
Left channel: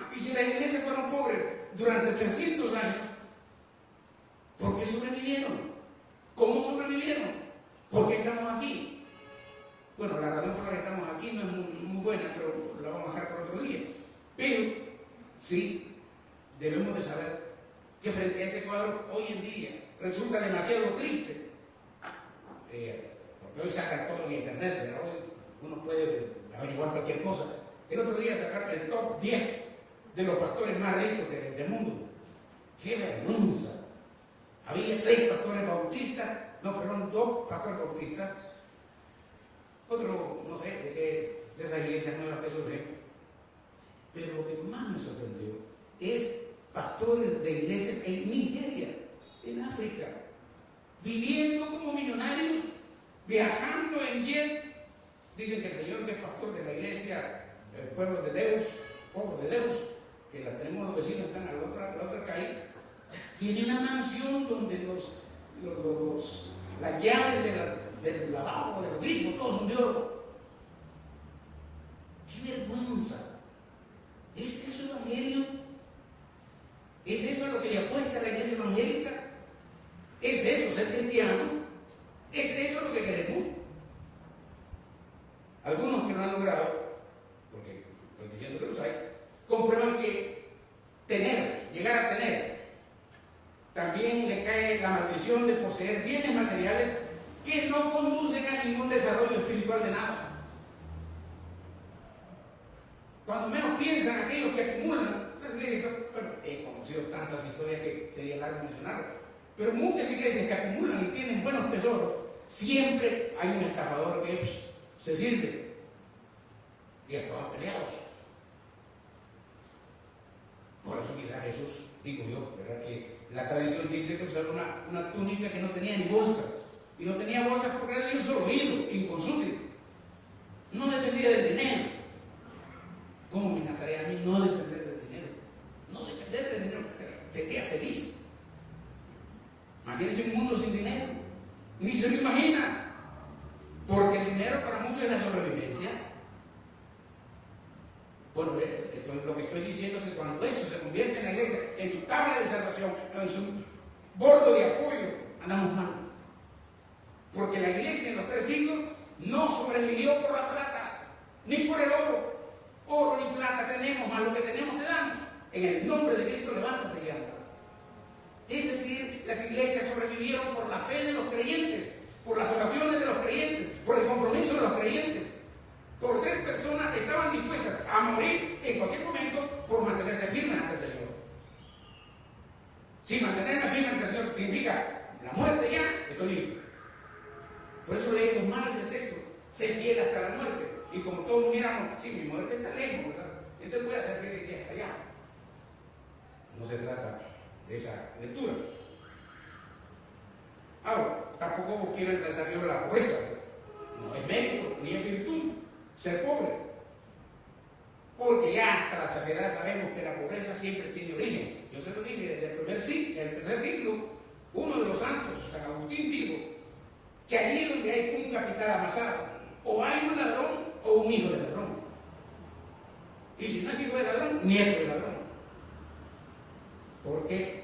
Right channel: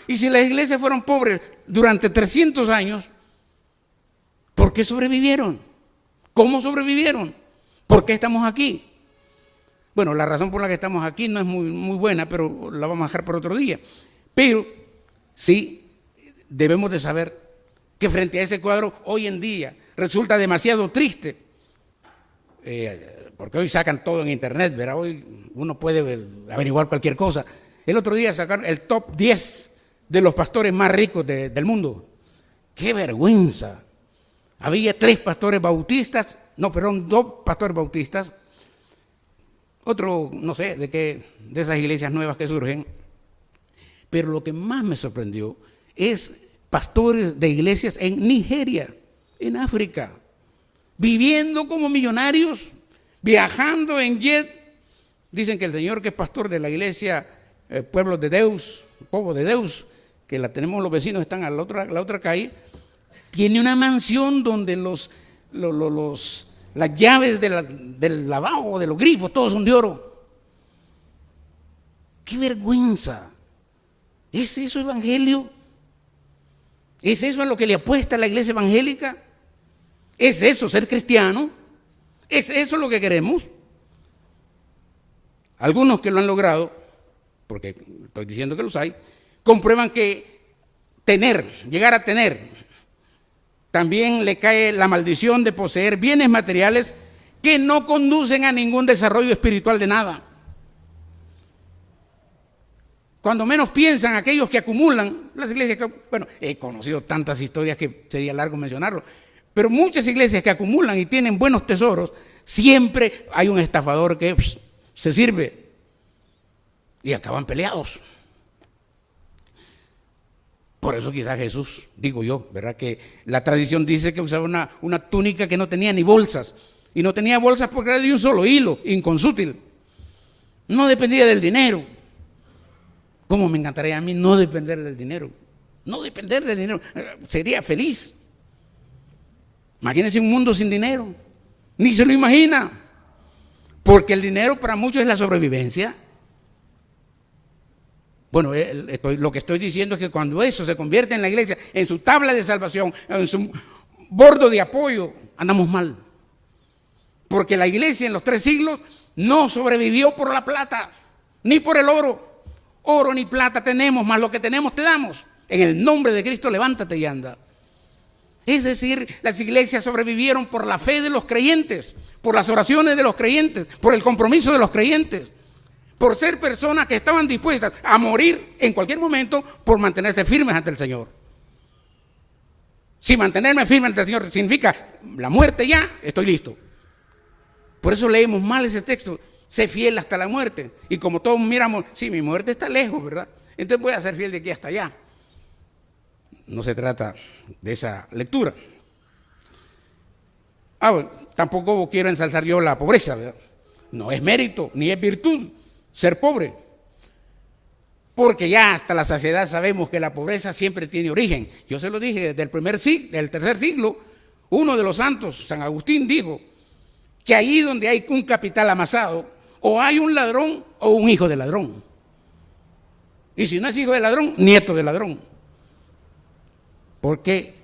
y si las iglesias fueron pobres durante 300 años, ¿por qué sobrevivieron? ¿Cómo sobrevivieron? ¿Por qué estamos aquí? Bueno, la razón por la que estamos aquí no es muy buena, pero la vamos a dejar por otro día. Pero sí debemos de saber que frente a ese cuadro hoy en día resulta demasiado triste, porque hoy sacan todo en internet, ¿verdad? Hoy uno puede averiguar cualquier cosa. El otro día sacaron el top 10 de los pastores más ricos del mundo. ¡Qué vergüenza! Había 2 pastores bautistas, otro, no sé, de esas iglesias nuevas que surgen. Pero lo que más me sorprendió es pastores de iglesias en Nigeria, en África, viviendo como millonarios, viajando en jet. Dicen que el señor que es pastor de la iglesia Povo de Deus, que la tenemos los vecinos, están a la otra calle, tiene una mansión donde las llaves del lavabo, de los grifos, todos son de oro. ¡Qué vergüenza! ¿Es eso evangelio? ¿Es eso a lo que le apuesta la iglesia evangélica? ¿Es eso ser cristiano? ¿Es eso lo que queremos? Algunos que lo han logrado porque estoy diciendo que los hay, comprueban que llegar a tener, también le cae la maldición de poseer bienes materiales que no conducen a ningún desarrollo espiritual de nada. Cuando menos piensan aquellos que acumulan, las iglesias que, bueno, he conocido tantas historias que sería largo mencionarlo, pero muchas iglesias que acumulan y tienen buenos tesoros, siempre hay un estafador que se sirve y acaban peleados. Por eso quizás Jesús, digo yo, ¿verdad? Que la tradición dice que usaba una túnica que no tenía ni bolsas, y no tenía bolsas porque era de un solo hilo, inconsútil. No dependía del dinero. ¿Cómo me encantaría a mí no depender del dinero? No depender del dinero. Sería feliz. Imagínense un mundo sin dinero. Ni se lo imagina. Porque el dinero para muchos es la sobrevivencia. Bueno, lo que estoy diciendo es que cuando eso se convierte en la iglesia, en su tabla de salvación, en su bordo de apoyo, andamos mal. Porque la iglesia en los 3 siglos no sobrevivió por la plata, ni por el oro. Oro ni plata tenemos, más lo que tenemos te damos. En el nombre de Cristo, levántate y anda. Es decir, las iglesias sobrevivieron por la fe de los creyentes, por las oraciones de los creyentes, por el compromiso de los creyentes, por ser personas que estaban dispuestas a morir en cualquier momento por mantenerse firmes ante el Señor. Si mantenerme firme ante el Señor significa la muerte ya, estoy listo. Por eso leemos mal ese texto. Sé fiel hasta la muerte. Y como todos miramos, sí, mi muerte está lejos, ¿verdad? Entonces voy a ser fiel de aquí hasta allá. No se trata de esa lectura. Bueno, tampoco quiero ensalzar yo la pobreza, ¿verdad? No es mérito, ni es virtud ser pobre. Porque ya hasta la saciedad sabemos que la pobreza siempre tiene origen. Yo se lo dije desde del 3er siglo, uno de los santos, San Agustín, dijo que ahí donde hay un capital amasado, o hay un ladrón o un hijo de ladrón. Y si no es hijo de ladrón, nieto de ladrón. Porque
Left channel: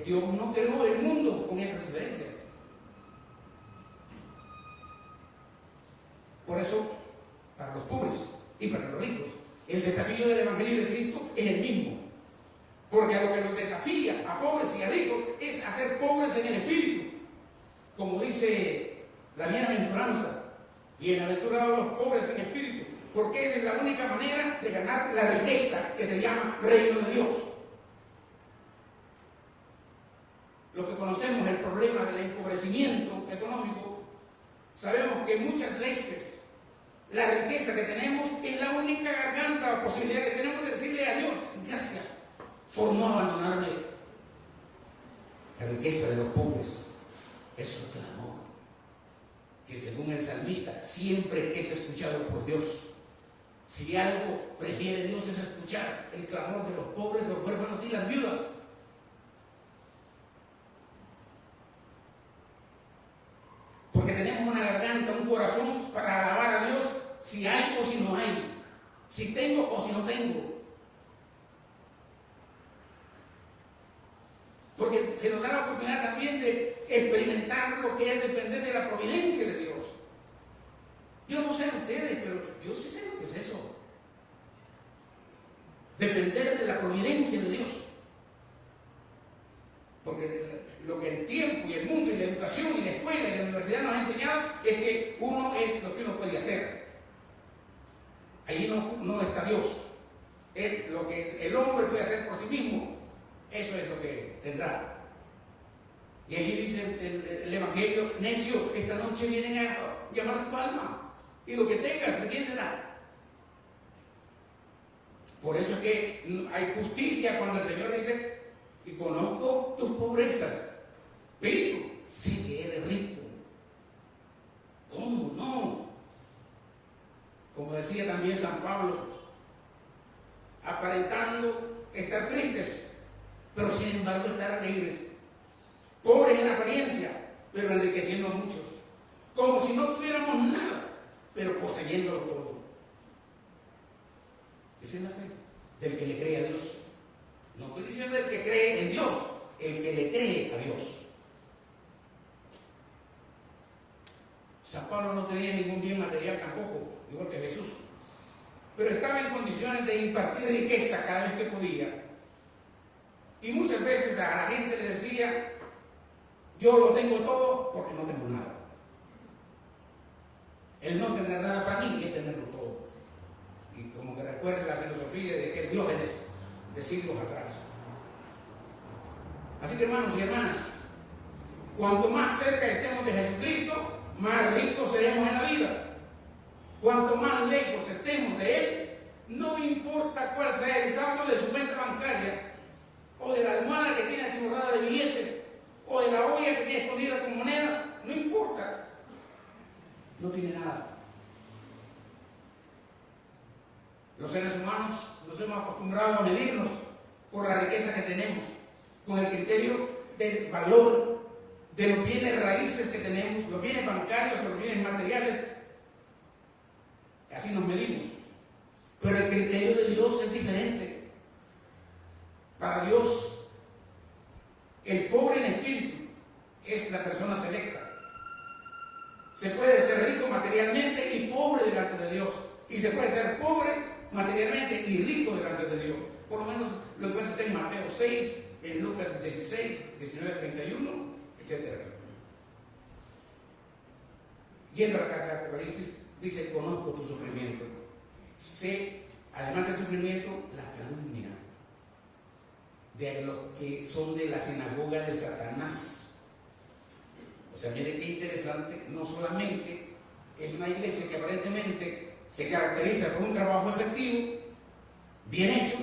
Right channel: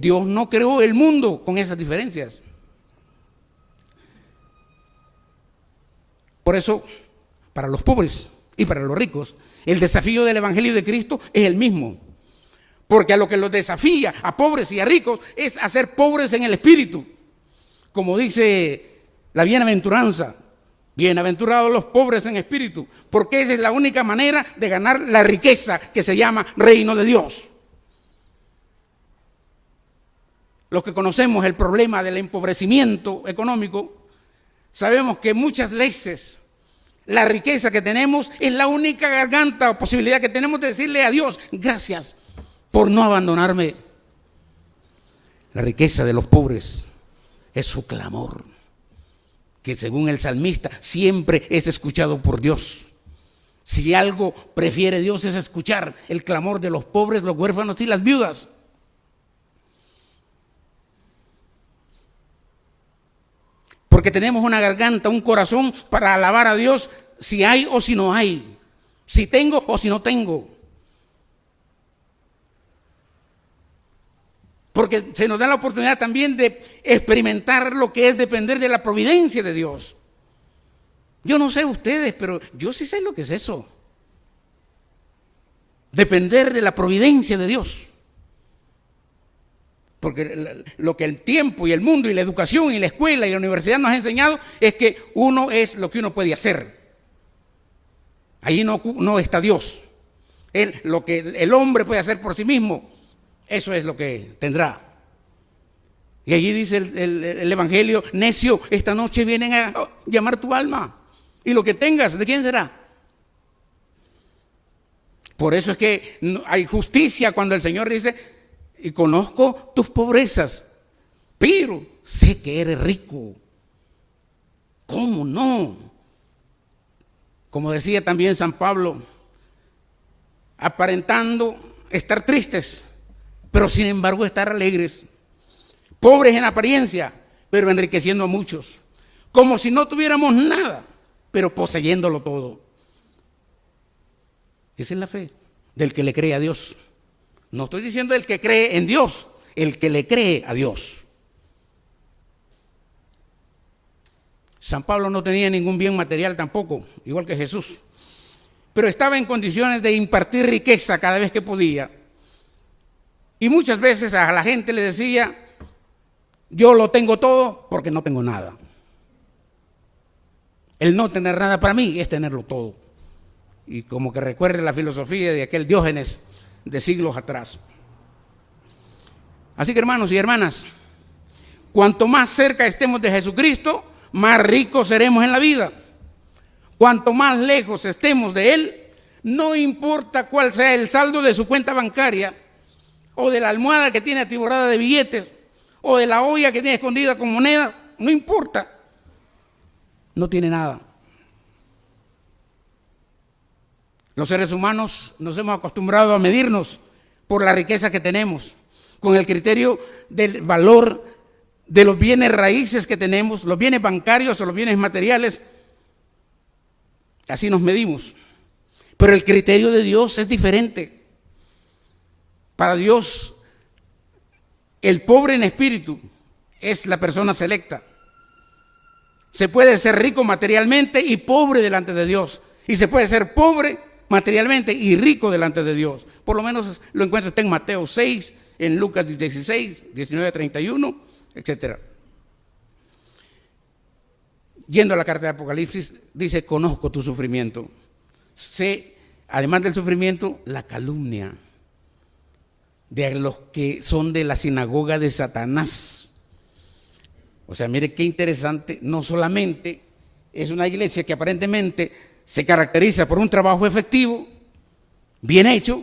Dios no creó el mundo con esas diferencias. Por eso, para los pobres y para los ricos, el desafío del Evangelio de Cristo es el mismo. Porque a lo que los desafía, a pobres y a ricos, es a ser pobres en el espíritu. Como dice la bienaventuranza, bienaventurados los pobres en espíritu, porque esa es la única manera de ganar la riqueza que se llama reino de Dios. Los que conocemos el problema del empobrecimiento económico, sabemos que muchas veces la riqueza que tenemos es la única garganta o posibilidad que tenemos de decirle a Dios, gracias por no abandonarme. La riqueza de los pobres es su clamor, que según el salmista siempre es escuchado por Dios. Si algo prefiere Dios es escuchar el clamor de los pobres, los huérfanos y las viudas. Porque tenemos una garganta, un corazón para alabar a Dios si hay o si no hay, si tengo o si no tengo. Porque se nos da la oportunidad también de experimentar lo que es depender de la providencia de Dios. Yo no sé ustedes, pero yo sí sé lo que es eso. Depender de la providencia de Dios. Porque lo que el tiempo y el mundo y la educación y la escuela y la universidad nos ha enseñado es que uno es lo que uno puede hacer. Allí no está Dios. Lo que el hombre puede hacer por sí mismo, eso es lo que tendrá. Y allí dice el Evangelio, necio, esta noche vienen a llamar tu alma. Y lo que tengas, ¿de quién será? Por eso es que hay justicia cuando el Señor dice, y conozco tus pobrezas, pero sé que eres rico. ¿Cómo no? Como decía también San Pablo, aparentando estar tristes, pero sin embargo estar alegres, pobres en apariencia, pero enriqueciendo a muchos, como si no tuviéramos nada, pero poseyéndolo todo. Esa es la fe del que le cree a Dios. No estoy diciendo el que cree en Dios, el que le cree a Dios. San Pablo no tenía ningún bien material tampoco, igual que Jesús. pero estaba en condiciones de impartir riqueza cada vez que podía. Y muchas veces a la gente le decía, yo lo tengo todo porque no tengo nada. El no tener nada para mí es tenerlo todo. Y como que recuerde la filosofía de aquel Diógenes de siglos atrás. Así que, hermanos y hermanas, cuanto más cerca estemos de Jesucristo, más ricos seremos en la vida. Cuanto más lejos estemos de Él, no importa cuál sea el saldo de su cuenta bancaria, o de la almohada que tiene atiborrada de billetes, o de la olla que tiene escondida con monedas, no importa. No tiene nada. Los seres humanos nos hemos acostumbrado a medirnos por la riqueza que tenemos, con el criterio del valor de los bienes raíces que tenemos, los bienes bancarios o los bienes materiales. Así nos medimos. Pero el criterio de Dios es diferente. Para Dios, el pobre en espíritu es la persona selecta. Se puede ser rico materialmente y pobre delante de Dios. Y se puede ser pobre materialmente y rico delante de Dios. Por lo menos lo encuentra usted en Mateo 6, en Lucas 16, 19 a 31, etc. Yendo a la carta de Apocalipsis, dice, conozco tu sufrimiento. Sé, además del sufrimiento, la calumnia de los que son de la sinagoga de Satanás. O sea, mire qué interesante, no solamente es una iglesia que aparentemente se caracteriza por un trabajo efectivo, bien hecho,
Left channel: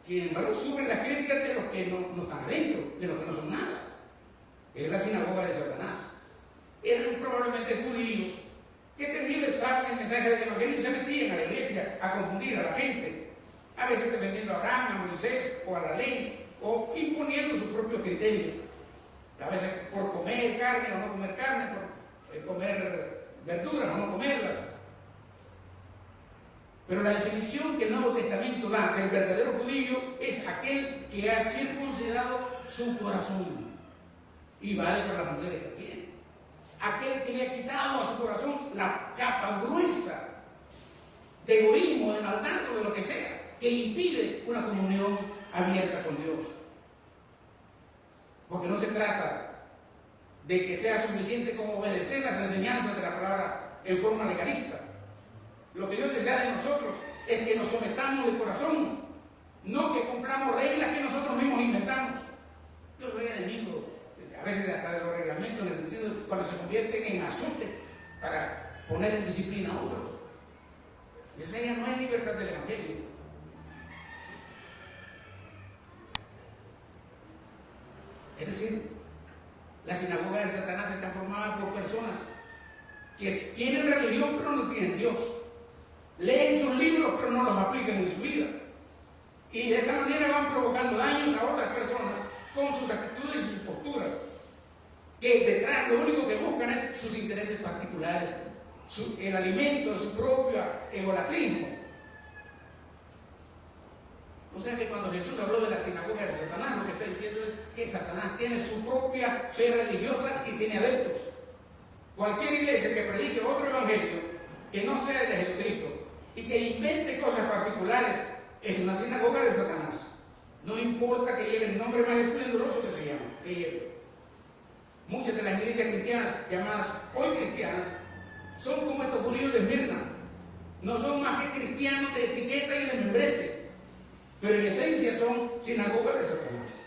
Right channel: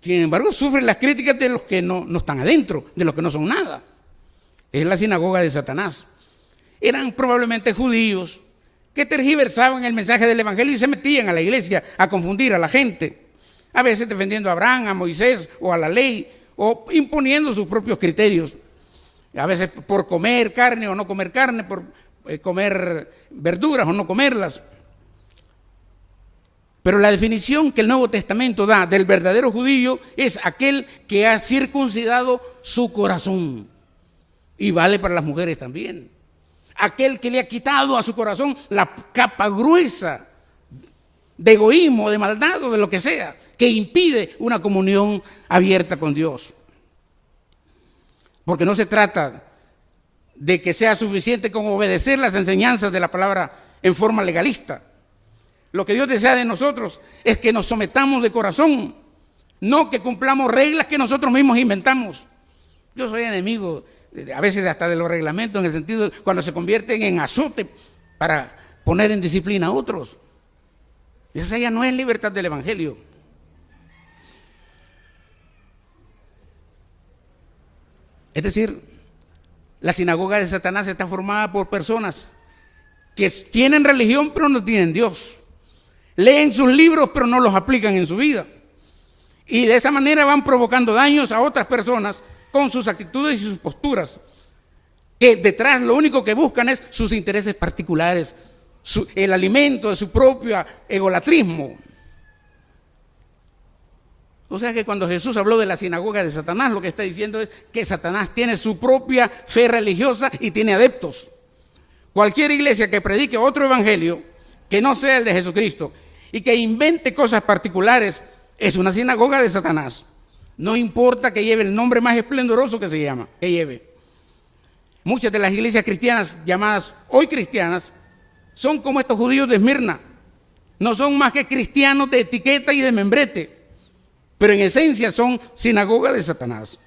sin embargo sufre las críticas de los que no están adentro, de los que no son nada. Es la sinagoga de Satanás. Eran probablemente judíos que tergiversaban el mensaje del evangelio y se metían a la iglesia a confundir a la gente, a veces defendiendo a Abraham, a Moisés o a la ley, o imponiendo sus propios criterios, a veces por comer carne o no comer carne, por comer verduras o no comerlas. Pero la definición que el Nuevo Testamento da del verdadero judío es aquel que ha circuncidado su corazón, y vale para las mujeres también. Aquel que le ha quitado a su corazón la capa gruesa de egoísmo, de maldad o de lo que sea, que impide una comunión abierta con Dios. Porque no se trata de que sea suficiente con obedecer las enseñanzas de la palabra en forma legalista. Lo que Dios desea de nosotros es que nos sometamos de corazón, no que cumplamos reglas que nosotros mismos inventamos. Yo soy enemigo a veces hasta de los reglamentos, en el sentido de cuando se convierten en azote para poner en disciplina a otros. Esa ya no es libertad del evangelio. Es decir, la sinagoga de Satanás está formada por personas que tienen religión pero no tienen Dios. Leen sus libros pero no los aplican en su vida. Y de esa manera van provocando daños a otras personas con sus actitudes y sus posturas, que detrás lo único que buscan es sus intereses particulares, el alimento de su propio egolatrismo. O sea que cuando Jesús habló de la sinagoga de Satanás, lo que está diciendo es que Satanás tiene su propia fe religiosa y tiene adeptos. Cualquier iglesia que predique otro evangelio que no sea el de Jesucristo y que invente cosas particulares es una sinagoga de Satanás. No importa que lleve el nombre más esplendoroso que lleve. Muchas de las iglesias cristianas, llamadas hoy cristianas, son como estos judíos de Esmirna. No son más que cristianos de etiqueta y de membrete, pero en esencia son sinagoga de Satanás.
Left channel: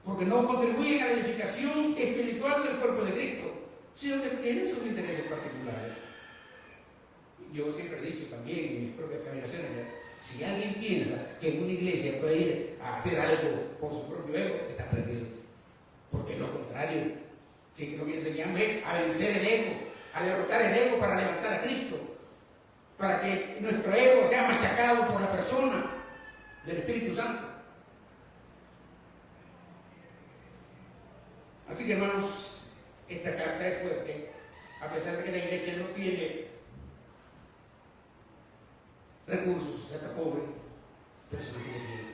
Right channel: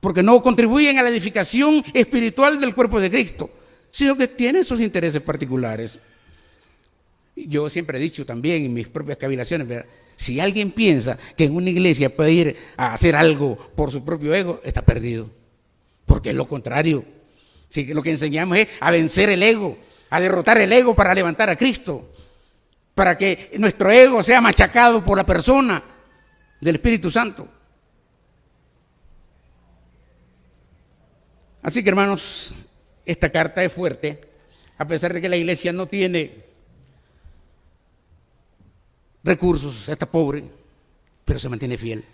Porque no contribuyen a la edificación espiritual del cuerpo de Cristo, sino que tienen sus intereses particulares. Yo siempre he dicho también en mis propias cavilaciones, ¿verdad? Si alguien piensa que en una iglesia puede ir a hacer algo por su propio ego, está perdido. Porque es lo contrario. Sí, lo que enseñamos es a vencer el ego, a derrotar el ego para levantar a Cristo, para que nuestro ego sea machacado por la persona del Espíritu Santo. Así que, hermanos, esta carta es fuerte, a pesar de que la iglesia no tiene recursos, está pobre, pero se mantiene fiel.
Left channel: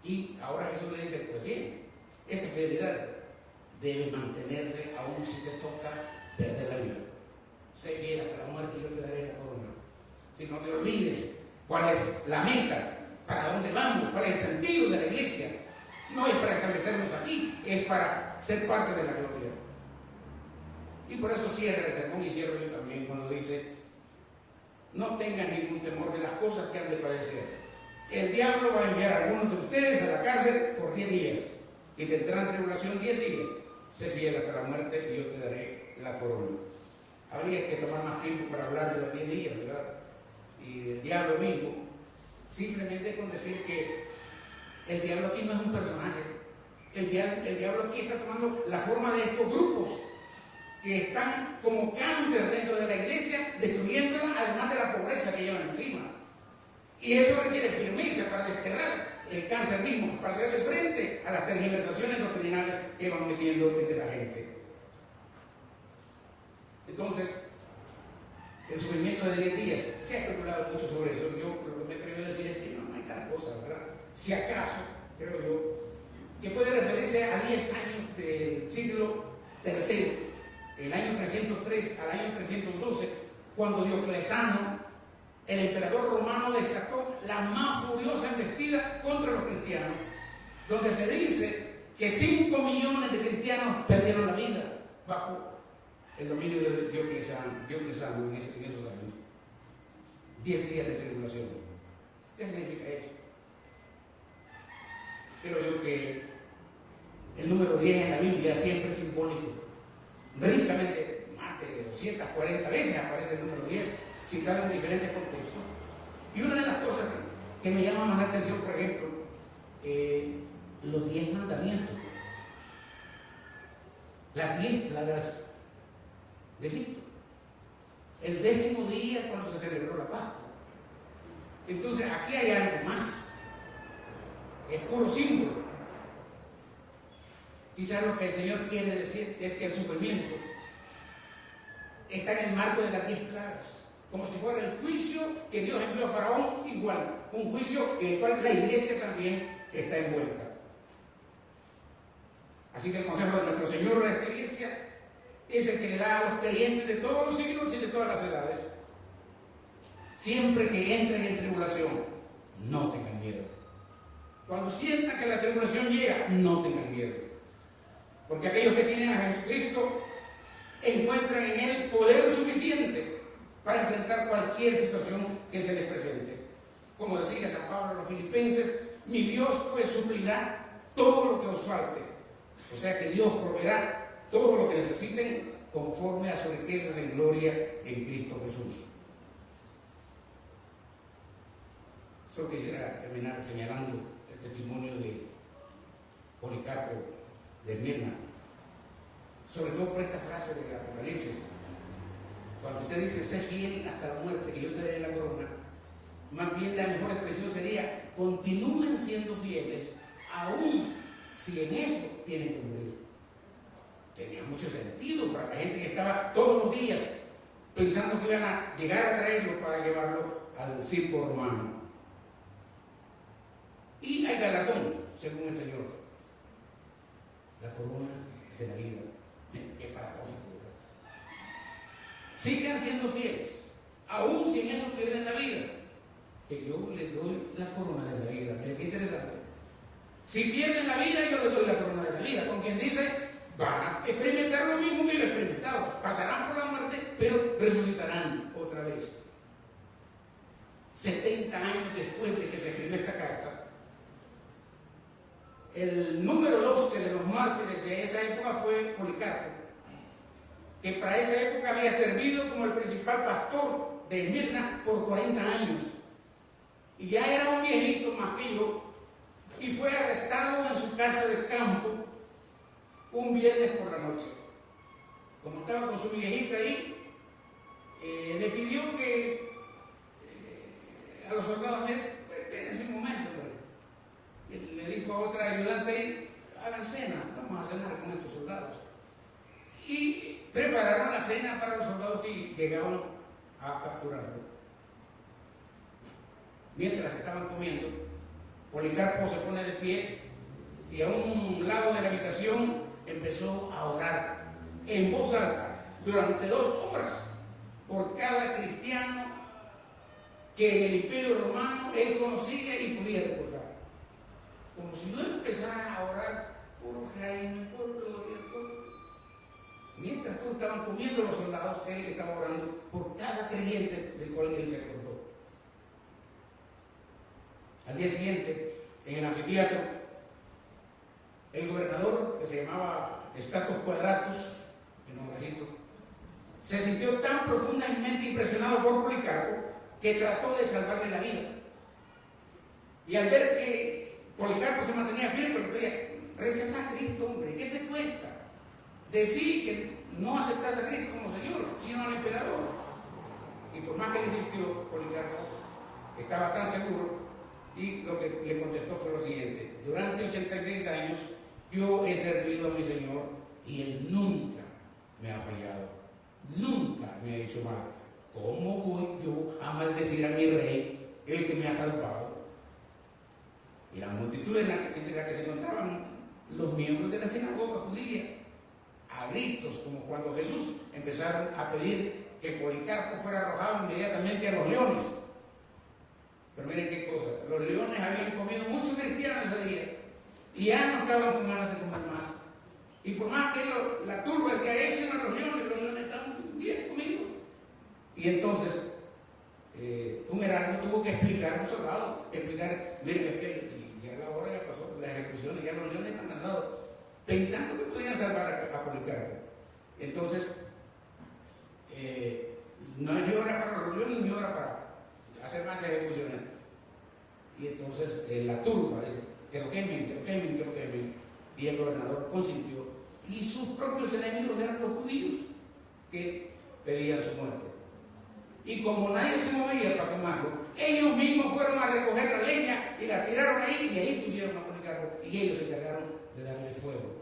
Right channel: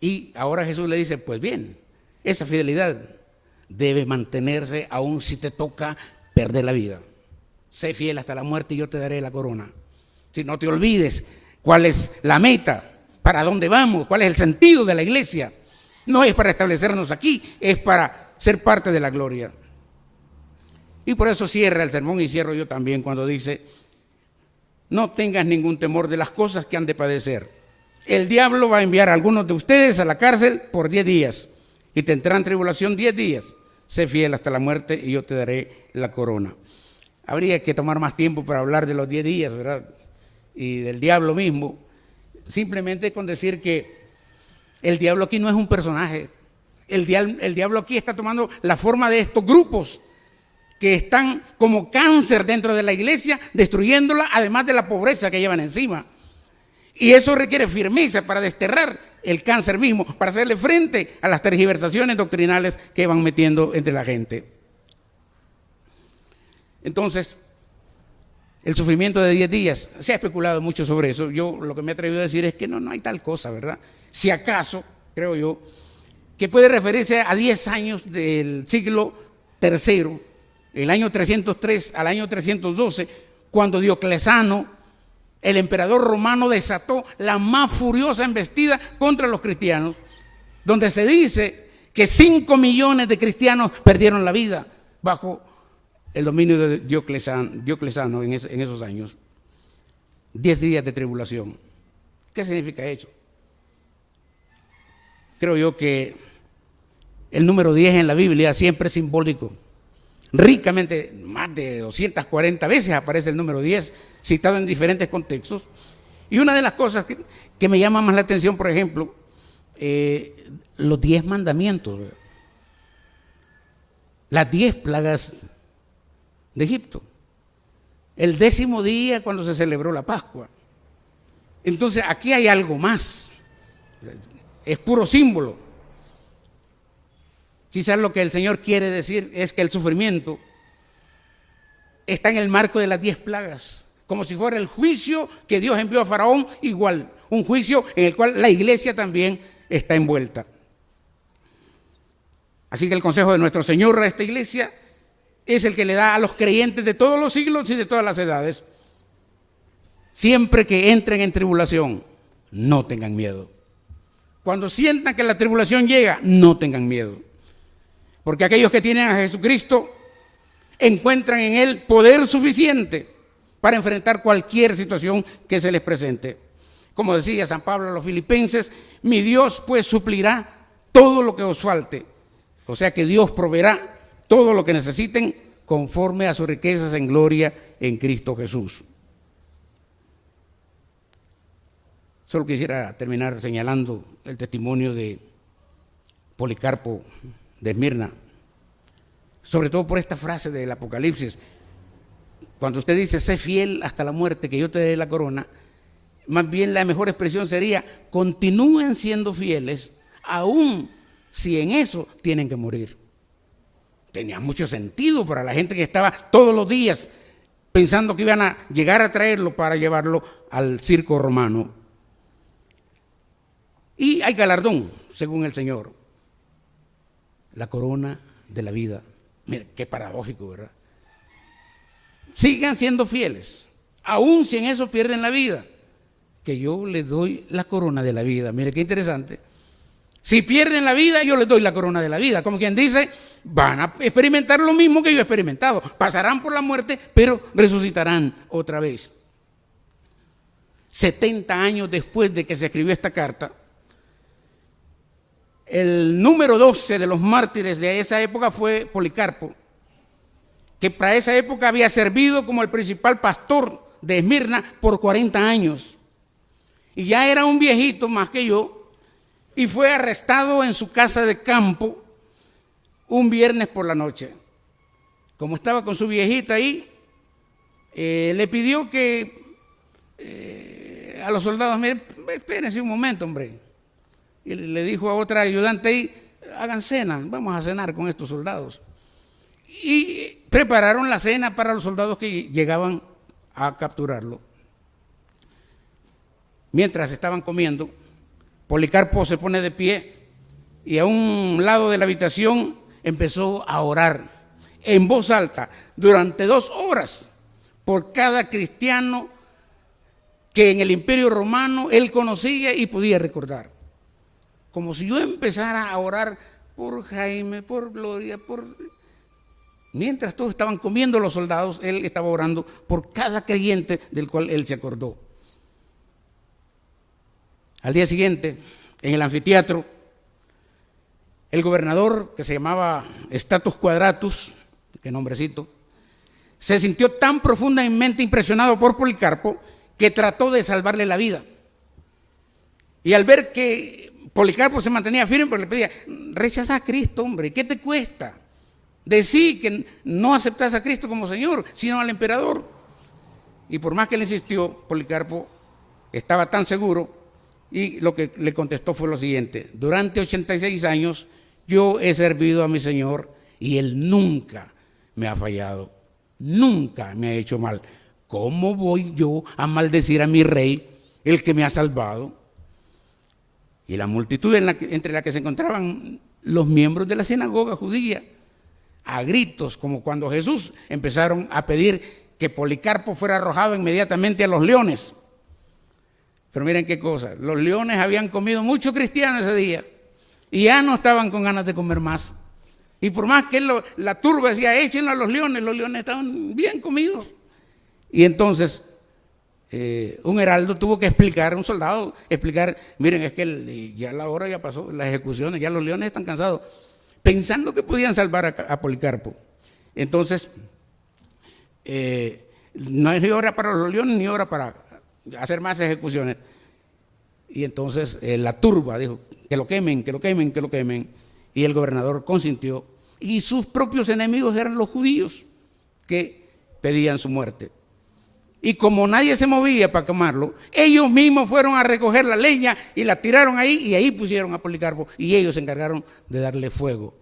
Y ahora Jesús le dice, pues bien, esa fidelidad debe mantenerse aún si te toca perder la vida. sé fiel hasta la muerte y yo te daré la corona. Si no te olvides cuál es la meta, para dónde vamos, cuál es el sentido de la iglesia. No es para establecernos aquí, es para ser parte de la gloria. Y por eso cierra el sermón, y cierro yo también cuando dice: no tengas ningún temor de las cosas que han de padecer. El diablo va a enviar a algunos de ustedes a la cárcel por 10 días y tendrán tribulación 10 días. Sé fiel hasta la muerte y yo te daré la corona. Habría que tomar más tiempo para hablar de los 10 días, ¿verdad? Y del diablo mismo. Simplemente con decir que el diablo aquí no es un personaje. El diablo aquí está tomando la forma de estos grupos que están como cáncer dentro de la iglesia, destruyéndola, además de la pobreza que llevan encima. Y eso requiere firmeza para desterrar el cáncer mismo, para hacerle frente a las tergiversaciones doctrinales que van metiendo entre la gente. Entonces, el sufrimiento de 10 días, se ha especulado mucho sobre eso. Yo lo que me he atrevido a decir es que no hay tal cosa, ¿verdad? Si acaso, creo yo, que puede referirse a 10 años del siglo III, el año 303 al año 312, cuando Diocleciano, el emperador romano, desató la más furiosa embestida contra los cristianos, donde se dice que 5 millones de cristianos perdieron la vida bajo el dominio de Diocleciano en esos años. 10 días de tribulación. ¿Qué significa eso? Creo yo que el número 10 en la Biblia siempre es simbólico. Ricamente, más de 240 veces aparece el número 10, citado en diferentes contextos. Y una de las cosas que me llama más la atención, por ejemplo, los 10 mandamientos, las 10 plagas de Egipto, el 10º día cuando se celebró la Pascua. Entonces aquí hay algo más, es puro símbolo. Quizás lo que el Señor quiere decir es que el sufrimiento está en el marco de las 10 plagas, como si fuera el juicio que Dios envió a Faraón, igual, un juicio en el cual la iglesia también está envuelta. Así que el consejo de nuestro Señor a esta iglesia es el que le da a los creyentes de todos los siglos y de todas las edades: siempre que entren en tribulación, no tengan miedo. Cuando sientan que la tribulación llega, no tengan miedo. Porque aquellos que tienen a Jesucristo encuentran en Él poder suficiente para enfrentar cualquier situación que se les presente. Como decía San Pablo a los filipenses: mi Dios pues suplirá todo lo que os falte. O sea que Dios proveerá todo lo que necesiten conforme a sus riquezas en gloria en Cristo Jesús. Solo quisiera terminar señalando el testimonio de Policarpo de Esmirna, sobre todo por esta frase del Apocalipsis. Cuando usted dice: sé fiel hasta la muerte, que yo te daré la corona, más bien la mejor expresión sería: continúen siendo fieles, aun si en eso tienen que morir. Tenía mucho sentido para la gente que estaba todos los días pensando que iban a llegar a traerlo para llevarlo al circo romano. Y hay galardón, según el Señor: la corona de la vida. Mira, qué paradójico, ¿verdad? Sigan siendo fieles, aun si en eso pierden la vida, que yo les doy la corona de la vida. Mire qué interesante. Si pierden la vida, yo les doy la corona de la vida. Como quien dice, van a experimentar lo mismo que yo he experimentado. Pasarán por la muerte, pero resucitarán otra vez. 70 años después de que se escribió esta carta, el número 12 de los mártires de esa época fue Policarpo, que para esa época había servido como el principal pastor de Esmirna por 40 años. Y ya era un viejito más que yo, y fue arrestado en su casa de campo un viernes por la noche. Como estaba con su viejita ahí, le pidió que a los soldados: espérense un momento, hombre. Y le dijo a otra ayudante ahí: hagan cena, vamos a cenar con estos soldados. Y prepararon la cena para los soldados que llegaban a capturarlo. Mientras estaban comiendo, Policarpo se pone de pie y a un lado de la habitación empezó a orar en voz alta durante 2 horas, por cada cristiano que en el Imperio Romano él conocía y podía recordar. Como si yo empezara a orar por Jaime, por Gloria, Mientras todos estaban comiendo los soldados, él estaba orando por cada creyente del cual él se acordó. Al día siguiente, en el anfiteatro, el gobernador, que se llamaba Status Quadratus, qué nombrecito, se sintió tan profundamente impresionado por Policarpo que trató de salvarle la vida. Y al ver que Policarpo se mantenía firme, pues le pedía: rechaza a Cristo, hombre, ¿qué te cuesta? Decí que no aceptas a Cristo como Señor, sino al emperador. Y por más que le insistió, Policarpo estaba tan seguro, y lo que le contestó fue lo siguiente: durante 86 años yo he servido a mi Señor y Él nunca me ha fallado, nunca me ha hecho mal. ¿Cómo voy yo a maldecir a mi rey, el que me ha salvado? Y la multitud entre la que se encontraban los miembros de la sinagoga judía, a gritos, como cuando Jesús, empezaron a pedir que Policarpo fuera arrojado inmediatamente a los leones. Pero miren qué cosa, los leones habían comido muchos cristianos ese día y ya no estaban con ganas de comer más. Y por más que la turba decía: échenlo a los leones estaban bien comidos. Y entonces un heraldo tuvo que explicar, un soldado, miren, es que ya la hora ya pasó, las ejecuciones, ya los leones están cansados, pensando que podían salvar a Policarpo. Entonces, no es ni hora para los leones ni hora para hacer más ejecuciones. Y entonces la turba dijo: que lo quemen, que lo quemen, que lo quemen. Y el gobernador consintió, y sus propios enemigos eran los judíos que pedían su muerte. Y como nadie se movía para quemarlo, ellos mismos fueron a recoger la leña y la tiraron ahí, y ahí pusieron a Policarpo, y ellos se encargaron de darle fuego.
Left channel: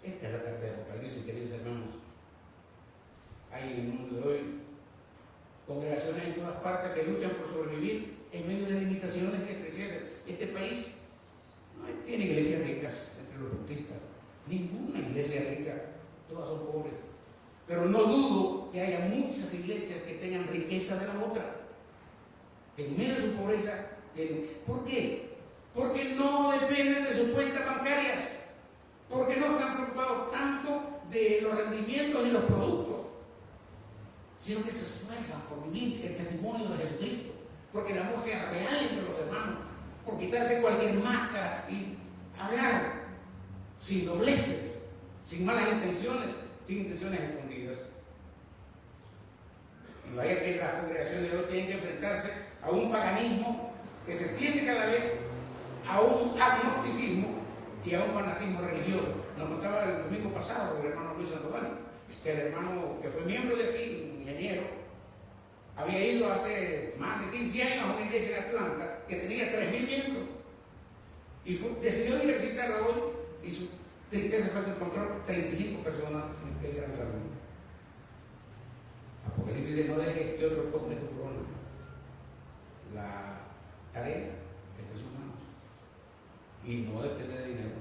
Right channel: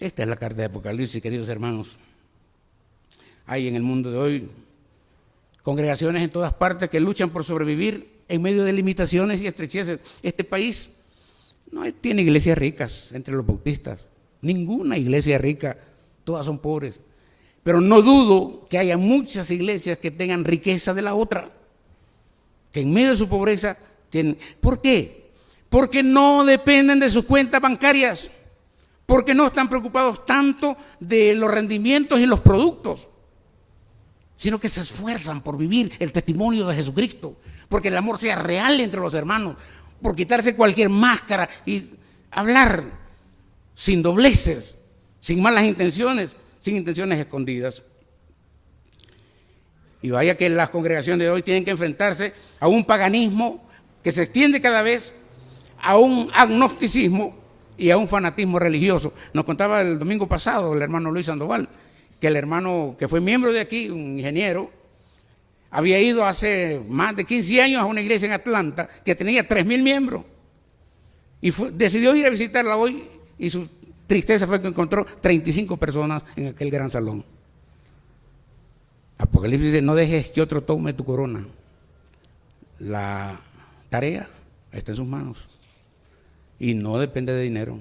Esta es la carta de Apocalipsis, queridos hermanos. Hay en el mundo de hoy congregaciones en todas partes que luchan por sobrevivir en medio de limitaciones y estrecheces. Este país no tiene iglesias ricas entre los bautistas, ninguna iglesia rica, todas son pobres. Pero no dudo que haya muchas iglesias que tengan riqueza de la otra, que en medio de su pobreza tienen. ¿Por qué? Porque no dependen de sus cuentas bancarias, porque no están preocupados tanto de los rendimientos y los productos, sino que se esfuerzan por vivir el testimonio de Jesucristo, porque el amor sea real entre los hermanos, por quitarse cualquier máscara y hablar sin dobleces, sin malas intenciones, sin intenciones escondidas. Y vaya que las congregaciones de hoy tienen que enfrentarse a un paganismo que se extiende cada vez, a un agnosticismo y a un fanatismo religioso. Nos contaba el domingo pasado el hermano Luis Sandoval, que el hermano que fue miembro de aquí, un ingeniero, había ido hace más de 15 años a una iglesia en Atlanta que tenía 3,000 miembros, y decidió ir a visitarla hoy, y su tristeza fue que encontró 35 personas en aquel gran salón. Apocalipsis dice: no dejes que otro tome tu corona. La tarea está en sus manos y no depende de dinero,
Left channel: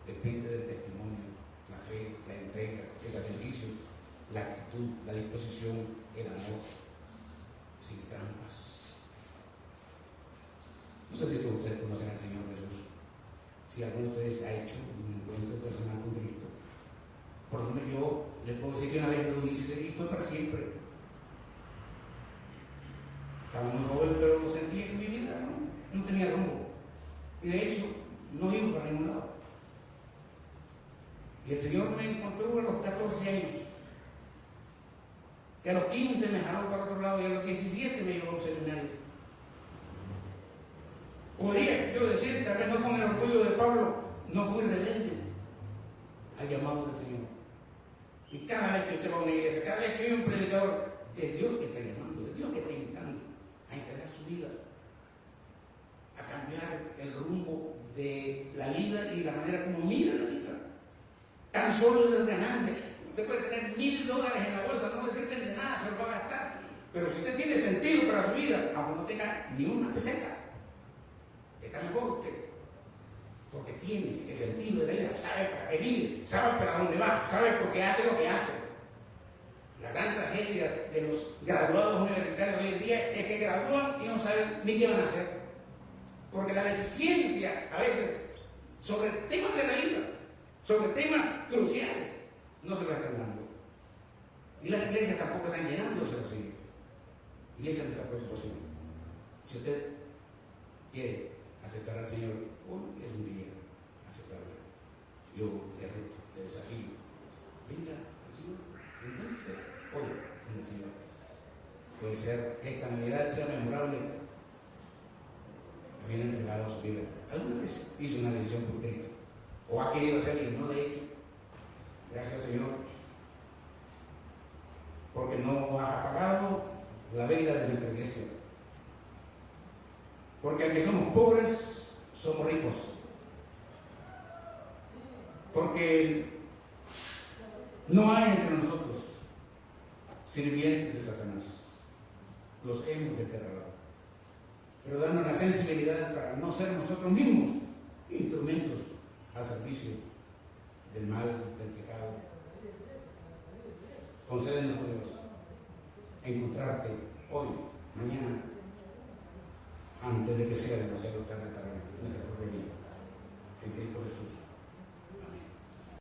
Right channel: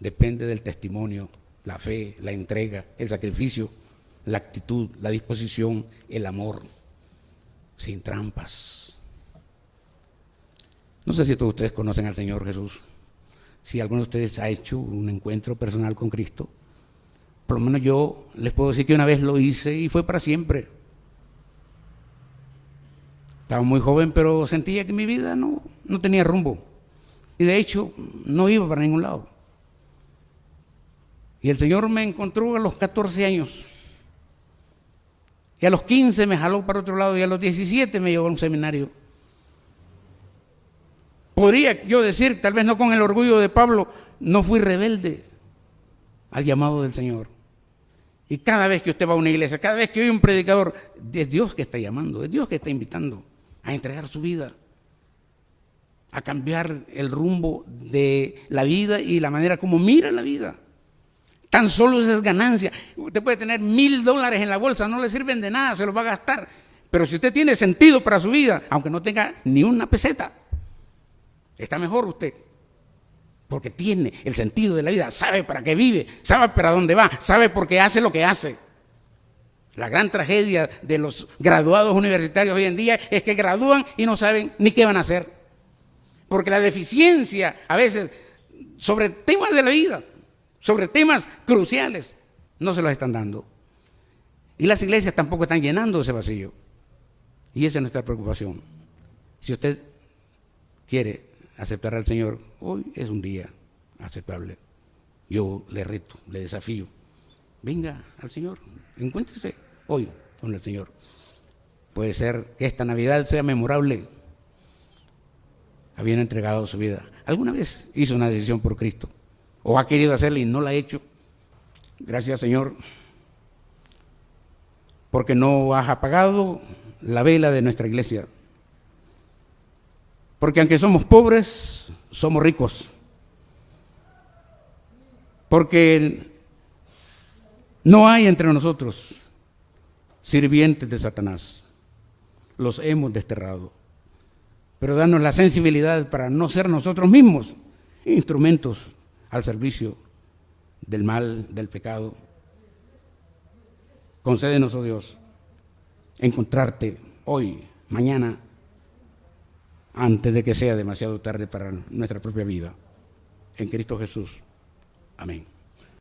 depende del testimonio, la fe, la entrega, el sacrificio, la actitud, la disposición, el amor, sin trampas. No sé si todos ustedes conocen al Señor Jesús. Si alguno de ustedes ha hecho un encuentro personal con Cristo, por lo menos yo les puedo decir que una vez lo hice y fue para siempre. Estaba muy joven, pero sentía que mi vida no tenía rumbo, y de hecho no iba para ningún lado. Y el Señor me encontró a los 14 años, y a los 15 me jaló para otro lado, y a los 17 me llevó a un seminario. Podría yo decir, tal vez no con el orgullo de Pablo, no fui rebelde al llamado del Señor. Y cada vez que usted va a una iglesia, cada vez que oye un predicador, es Dios que está llamando, es Dios que está invitando a entregar su vida, a cambiar el rumbo de la vida y la manera como mira la vida. Tan solo esa es ganancia. Usted puede tener $1,000 en la bolsa, no le sirven de nada, se los va a gastar. Pero si usted tiene sentido para su vida, aunque no tenga ni una peseta, está mejor usted, porque tiene el sentido de la vida, sabe para qué vive, sabe para dónde va, sabe por qué hace lo que hace. La gran tragedia de los graduados universitarios hoy en día es que gradúan y no saben ni qué van a hacer, porque la deficiencia a veces sobre temas de la vida, sobre temas cruciales, no se los están dando. Y las iglesias tampoco están llenando ese vacío. Y esa es nuestra preocupación. Si usted quiere aceptar al Señor, hoy es un día aceptable. Yo le reto, le desafío. Venga al Señor, encuéntrese hoy con el Señor. Puede ser que esta Navidad sea memorable. Habiendo entregado su vida. ¿Alguna vez hizo una decisión por Cristo? ¿O ha querido hacerla y no la ha hecho? Gracias, Señor, porque no has apagado la vela de nuestra iglesia. Porque aunque somos pobres, somos ricos. Porque no hay entre nosotros sirvientes de Satanás. Los hemos desterrado. Pero danos la sensibilidad para no ser nosotros mismos instrumentos al servicio del mal, del pecado. Concédenos, oh Dios, encontrarte hoy, mañana, antes de que sea demasiado tarde para nuestra propia vida. En Cristo Jesús. Amén.